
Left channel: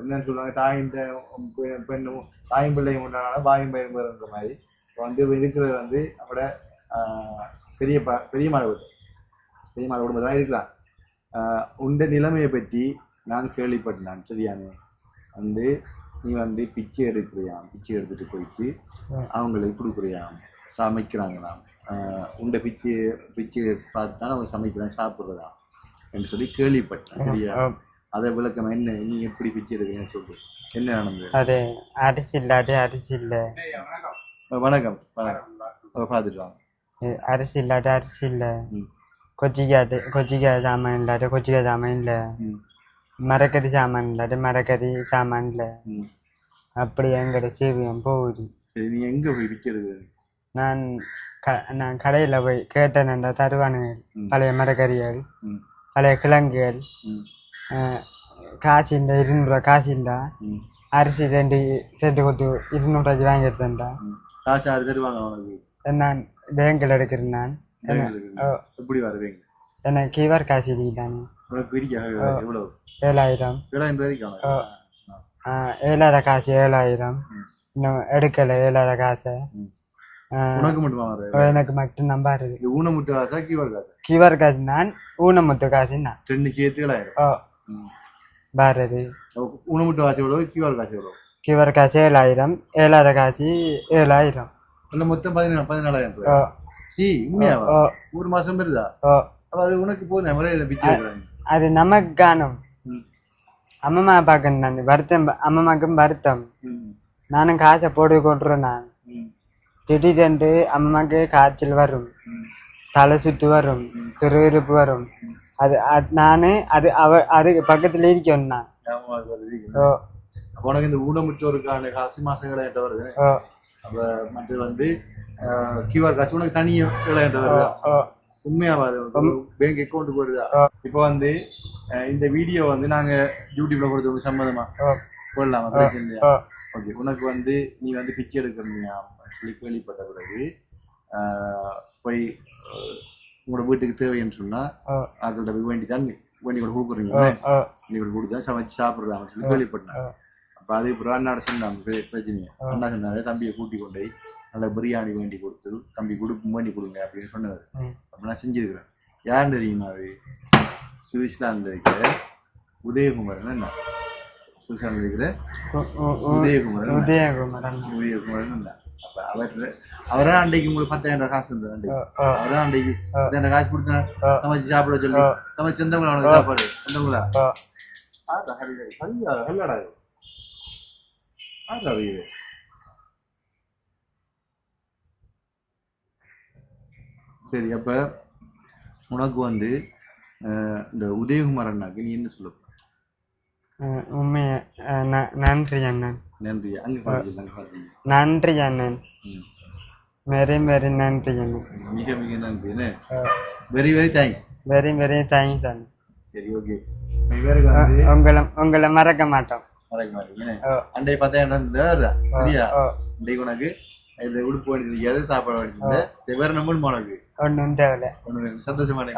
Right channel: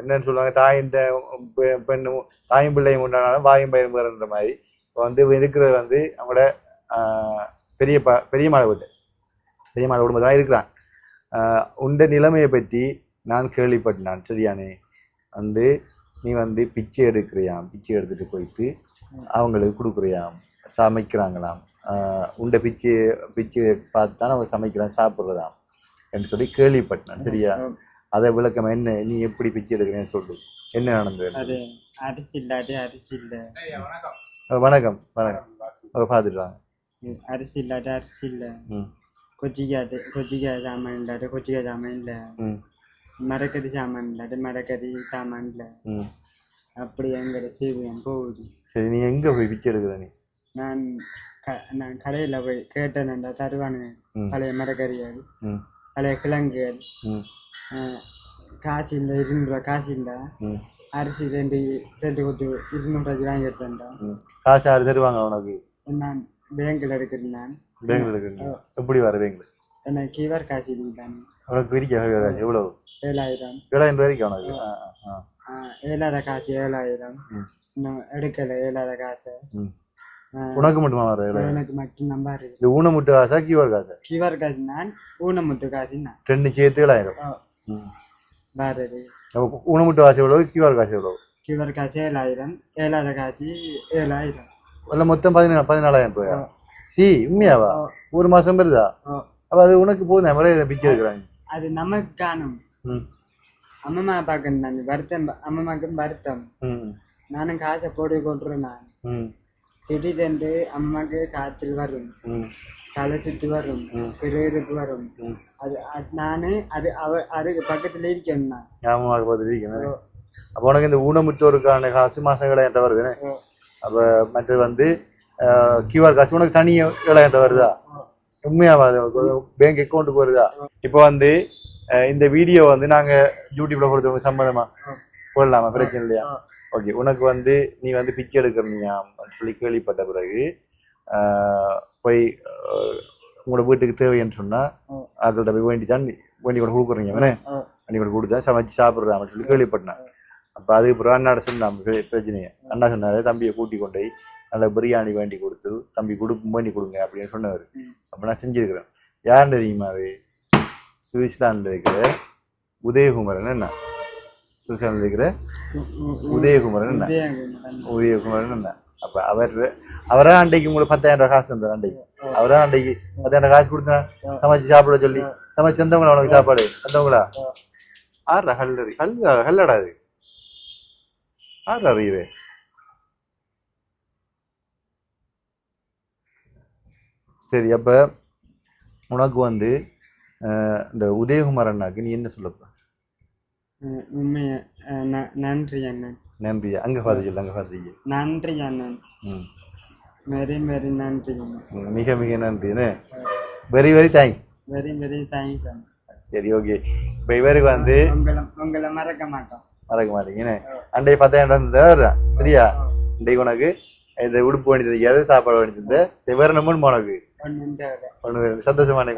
என்னன்னு சொல்லுவாங்க, தாயின் பெண்ணும் தாயும் பிள்ளையும் உண்டானாலும் வாயும் பயிரும் வேறுன்ற மாதிரி வந்து இருக்கிறது வந்து அவங்களோட பெரிய மாலை குடும்பம் தான் இருக்கிறான். உண்ட நிலைமையை பற்றி நான் கேள்விப்பட்டேன். சரியானே வந்து நீ வந்து பிச்சை எடுக்கிறியாம். பிச்சை எடுத்துட்டு போயிட்டு அவங்களுக்கு கொடுக்குறியாம், சமைக்கிறாங்களாம். உண்ட பிச்சை பார்த்து தான் அவங்க சமைக்கிறான் சாப்பிட்றதாம் என்று சொல்லி கேள்விப்பட்டேன். சரியா? அதை விளக்கம் என்ன, நீ எப்படி பிச்சை எடுக்கிறேன்னு சொல்லு, என்ன நடந்தது? அது அரிசி இல்லாட்டி அரிசி இல்லை. வணக்கம் வணக்கம். பார்த்துட்டாங்க. அரிசி இல்லாட்டி அரிசி இல்லை. கொச்சிக்காய் சாமான் இல்லாட்டி கொச்சிக்காய் சாமான் இல்லை. மரக்கறி சாமான் இல்லாட்டி மரக்கறி சாமான் இல்லை. அப்படி எங்களோட சேவியம் போகுது. சரி நீ எங்கே போய் பிச்சை எடுக்கிற நீ? நான் கடையில் போய் கேட்டேன், தருவானுங்க. பழைய மரக்கறிகள், ம் பழைய கிழங்குகள், ம் காசுண்டா 200 ரூபா காசுண்டா, அரிசி ரெண்டு கொத்து 200 ரூபாய்க்கு வாங்கி எடுத்தேன்டா. காசு யார் தருவாங்க உனக்கு? நான் பேங்கில் எடுக்கிறேன். நான் எப்படி வர பேங்க்ல? எனக்கு கிவர் காசு இல்லைதானே. உனக்கு பிரிக்க எவ்வளவு? 7000. 7000 வரைக்கும் உனக்கு? 7000 காசு 7000. இன்னும் எடுக்கலை 7000 காசை. உனக்கு மட்டுமா வர? எனக்கு மட்டும் நம்பாரு. இந்த ஊனமுட்டு காசா கிவர் காசா? கிவர் காசு நான், ஊனமுட்டு காசு நான். 2 சேர்த்து 7000 பாரதி. ஊனமுட்டு காசு எவ்வளவு, கிவர் காசு எவ்வளவு? கிவர் காசு 7000, 7000 காசு 7000. இல்லை மொத்தம் 14,000. சி உண்மையாவா? ஒரு மாசம் வருதா? அப்ப அது உனக்கு போதும். முறையை பிச்சை எடுக்கிறாங்க. அது நமக்கு காணும். அம்மா பார்க்கணும். நான் வருத்தம், அம்மாக்கும் வருத்தம். நானும் காசை போட்டு கொட்டுறேன். நான் திடீரென்று அம்மாக்கு காய்ச்சல் வரும், தலை சுத்து வரும், கிருவிருப்பு வரும். அது நானு அதுக்கு பக்கத்துல இருக்கேன். நான் அப்போ உனக்கு இந்த ஊனமுற்றோருக்கான காசு மாசம் 7000 வருதுன்னு. அப்ப மற்றது வந்து கியூஆர் காசு உனக்கு தனியா 7000 வருதா? உண்மையாவா? பேங்க் அக்கௌண்ட்டுக்கு வருதா? இப்போ வந்து இந்த வீடியோ வந்து நாங்க யூடியூப்ல கொடுத்தவங்க சம்மந்தமா போடலாமா? பிரச்சனை இல்லையா? ஓகே. உனக்கு வந்து நீ வந்து பிச்சை எடுக்கிறீங்க சொல்லி கேள்விப்பட்ட பிறகு போய் உங்களோட வீட்டுக்கு தேவைன்னு சொன்னா அவங்கள்ட்ட போய் வேண்டி கூட கொடுக்குறீங்க. வேண்டி கூட கொடுத்தா சமைச்சு சாப்பிட்றாங்க சொல்லி கேள்விப்பட்டேன். அப்போ அதுக்கு பிறகு அண்ணாட சொன்னாங்க பிரச்சனையை. அண்ணா சொன்னாரு தம்பியை கூட்டி கொண்டு போய் நல்ல பிரியாணி வேண்டி கொடுத்து தம்பி வேண்டி கொடுங்க அப்படின்னு சொன்னவர். அப்போ நான் செஞ்சுருக்கிறேன். யாருன்னு தெரியுமா? அது சுவிட்சர்லாண்டில் இருக்கிற உதயகுமரன். என்ன சுவிட்சர்லாண்டில் இருக்கிற உதயகுமரன் என்ன? அப்போ அவரா அன்றைக்கு உங்களுக்கு 10,000 காசு இருந்தார். அன்றைக்கு அவரா அன்றைக்கு 10,000 காசு கொடுத்தா சமைச்சு சாப்பிட சொல்லி சமைச்சு வந்தவங்களா உனக்கு சாப்பாடு வந்தவங்களா? ஆறா ஹல்லடா இது ஆறா இது. சரி, அப்ப உனக்கு வந்து இந்த உதயகுமாரண்ணாக்கு நீ என்ன சொல்லப்ப? உண்மையா நன்றி அண்ணன். நன்றியா? அங்க பாத்தீங்க நன்றி அண்ணன். வெரி வெரி நன்றி அண்ணன். மிக மிக நன்றி. Very very thanks. Very very thanks அண்ணன். சரி, ஓகே. இப்ப இவருக்கு வந்து உங்களை மறக்க மாட்டோம். மறக்க மாட்டீங்கன்னு அன்றைக்கு 10,000 இருந்தா சரியா? இன்றைக்கு உனக்கு இந்த உடுப்பு வேண்டி தெரியாது, சாப்பாடு வேண்டி தந்த வேற நம்பர் உனக்கு ஒன்றும் தேவையில்ல. ஒண்ணு சந்தோஷமான.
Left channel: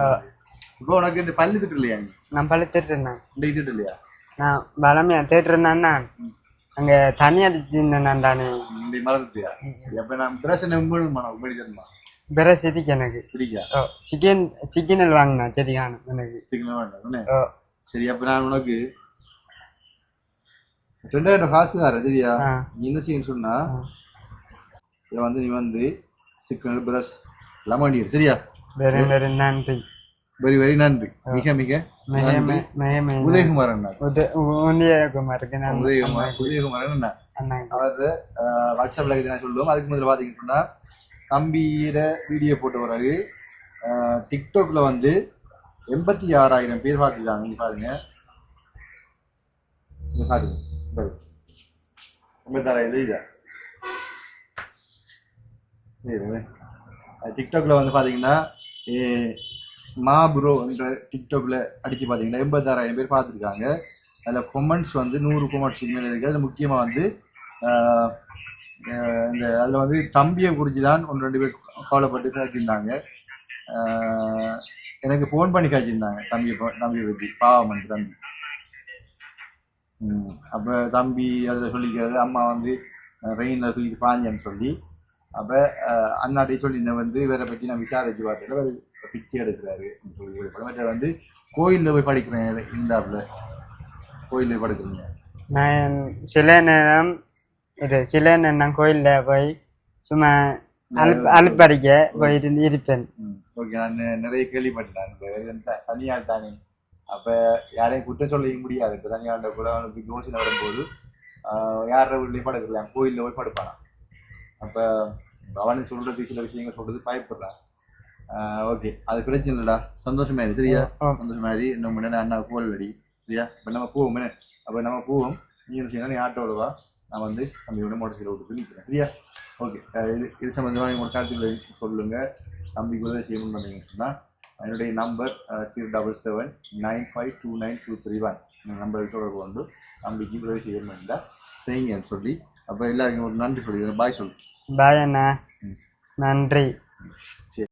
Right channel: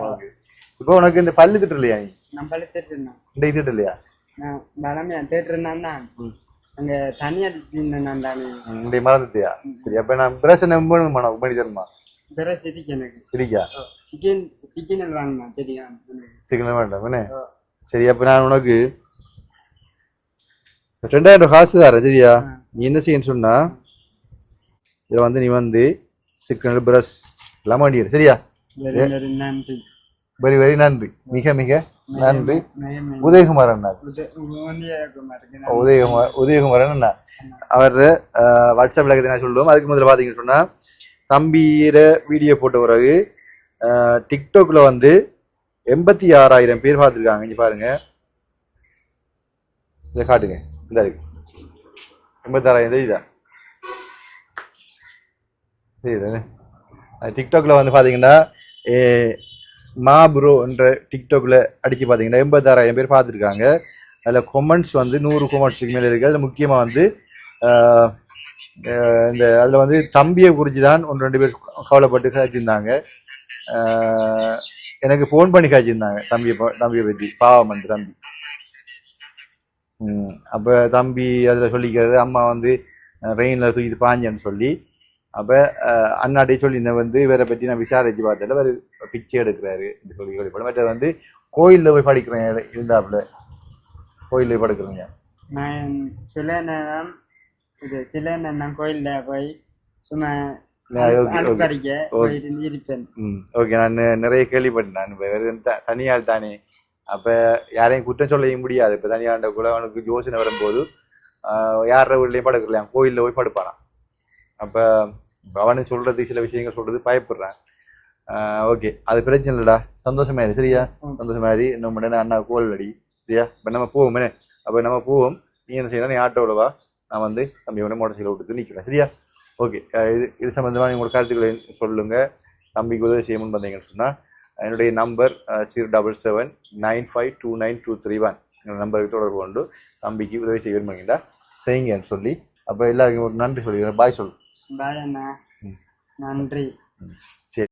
இப்போ உனக்கு இந்த பள்ளி திட்டு இல்லையா? நான் பள்ளி திட்டுறேன். இன்றைக்கு திட்டு இல்லையா? நான் பலமையா திட்டுறேன்னா அங்க தண்ணி அடிச்சுருந்தேன் தானே. இன்றைக்கு மறந்துட்டியா? சரி, அப்ப நான் பிரஷ் நம்பணுமா பண்ணி தருமா? பிரஷ் செடிக்கு எனக்கு பிடிக்கா. சிக்கனல் வாங்கினா செடிக்கான எனக்கு சிக்கனல் வேண்டாம். சரி, அப்ப நான் உனக்கு 2000 காசு தரேன் சரியா? நீ என்ன செய்யன்னு சொன்னா இதை வந்து நீ வந்து சிக்கனல் பிரஷ் எல்லாம் வாங்கிடு சரியா? வெரி வெரி நன்றி. வெரி வெரி நன்றி. மிக மிக நன்றி. உதயகுமாரன் உதயகுமாரன் அண்ணா அவர் வாட்ஸ்அப்ல நான் சொல்லுவோம். அதுக்கு முதல்ல பாத்தீங்கன்னு சொன்னா தம்பியிட வீடியோ போட்ட பிறகு டிக்டாக்ல வந்து 86,000 பேர் பார்த்துருக்காங்க. இங்க பாருங்க, இதை காட்டுங்க. இந்த இருக்கு 86,000 தெரியுதா? தெரியுதானே? டிக்டாக்ல வந்து பாத்தீங்கன்னா மா ப்ரோ என்ற டிக்டாக்ல அடிச்சு பார்த்தீங்கன்னா 86,000 பேர் பார்த்துருக்காங்க. அதில் கொமெண்ட்ஸ் வந்து 100 கொமெண்ட்ஸுக்கு மேலே இருக்குது. அதில் முக்கியமாக வந்து இந்த அதில் வந்து தம்பியை குறித்து தான் 1-2 பேர் கவலைப்பட்டு காய்ச்சிருந்தாங்க. எனக்கு ஃபோன் பண்ணி காய்ச்சிருந்தாங்க தம்பியை பற்றி. பாவம் வந்து தம்பி. அப்போ தம்பி அதில் சொல்லிக்கிறது அம்மா வந்து ரெயினில் தூக்கிட்டு பாஞ்சேன்னு சொல்லி. அப்போ அண்ணாட்டே சொல்லி இந்த வந்து இவரை பற்றி நான் விசாரிச்சு பார்த்ததில் அவர் பிச்சை எடுக்கிறாரு சொல்லி கேள்விப்படும். மற்ற வந்து கோயிலில் போய் படிக்கிறேன் இருந்தாப்புல. கோயிலில் போய் படுக்கிறேங்க. நான் சில நேரம் கோயிலில் போய் சும்மா அழுப்படிக்க போயிட்டு இருப்பேன். ஓகே, நான் நிறைய கேள்விப்பட்டேன். நான் வெறும் தனியால் தானே, அப்போ யாரையும் குற்றம் சொல்ல முடியாது. இப்போ தனியாண்ட கூட அவனுக்கு யோசனை வரும்போது யார வீட்லேயும் படுக்கலாம், கோயிலில் போய் படுப்பானா. அப்போ அவனு சொல்றது சில விஷயங்கள் சொல்றது பயப்படுறான். ஓகே, அது பிரச்சனை இல்லடா. சந்தோஷமாயிரு சரியா? சந்தோஷமாயிரு. இன்னும் அண்ணா கோல் அடி சரியா? இப்போ நம்ம போவோமே. அப்போ நம்ம போவோம். நீ என்ன செய்யணும், நீ ஆட்டோவில் வா, நான் வந்து தம்பியோட மோட்டர் சைக்கிள் விட்டு நிற்கிறேன். சரியா? ஓகே. இது சம்மந்தமாக உங்களோட கருத்துக்களை சொல்லுங்கள். தம்பிக்கு உதவி செய்யணும்னு பார்த்தீங்கன்னு சொன்னால் என்னுடைய நம்பர் 07795292231 இந்த நம்பருக்கு தொடர்பு கொண்டு தம்பிக்கு உதவி செய்ய விரும்புகிறீங்களா செய்யுங்கன்னு சொல்லி அப்போ எல்லாருக்கும் ஒரு நன்றி சொல்லிக்கிறேன். பாய் சொல்லு. பாய் அண்ணா, நன்றி. சரி.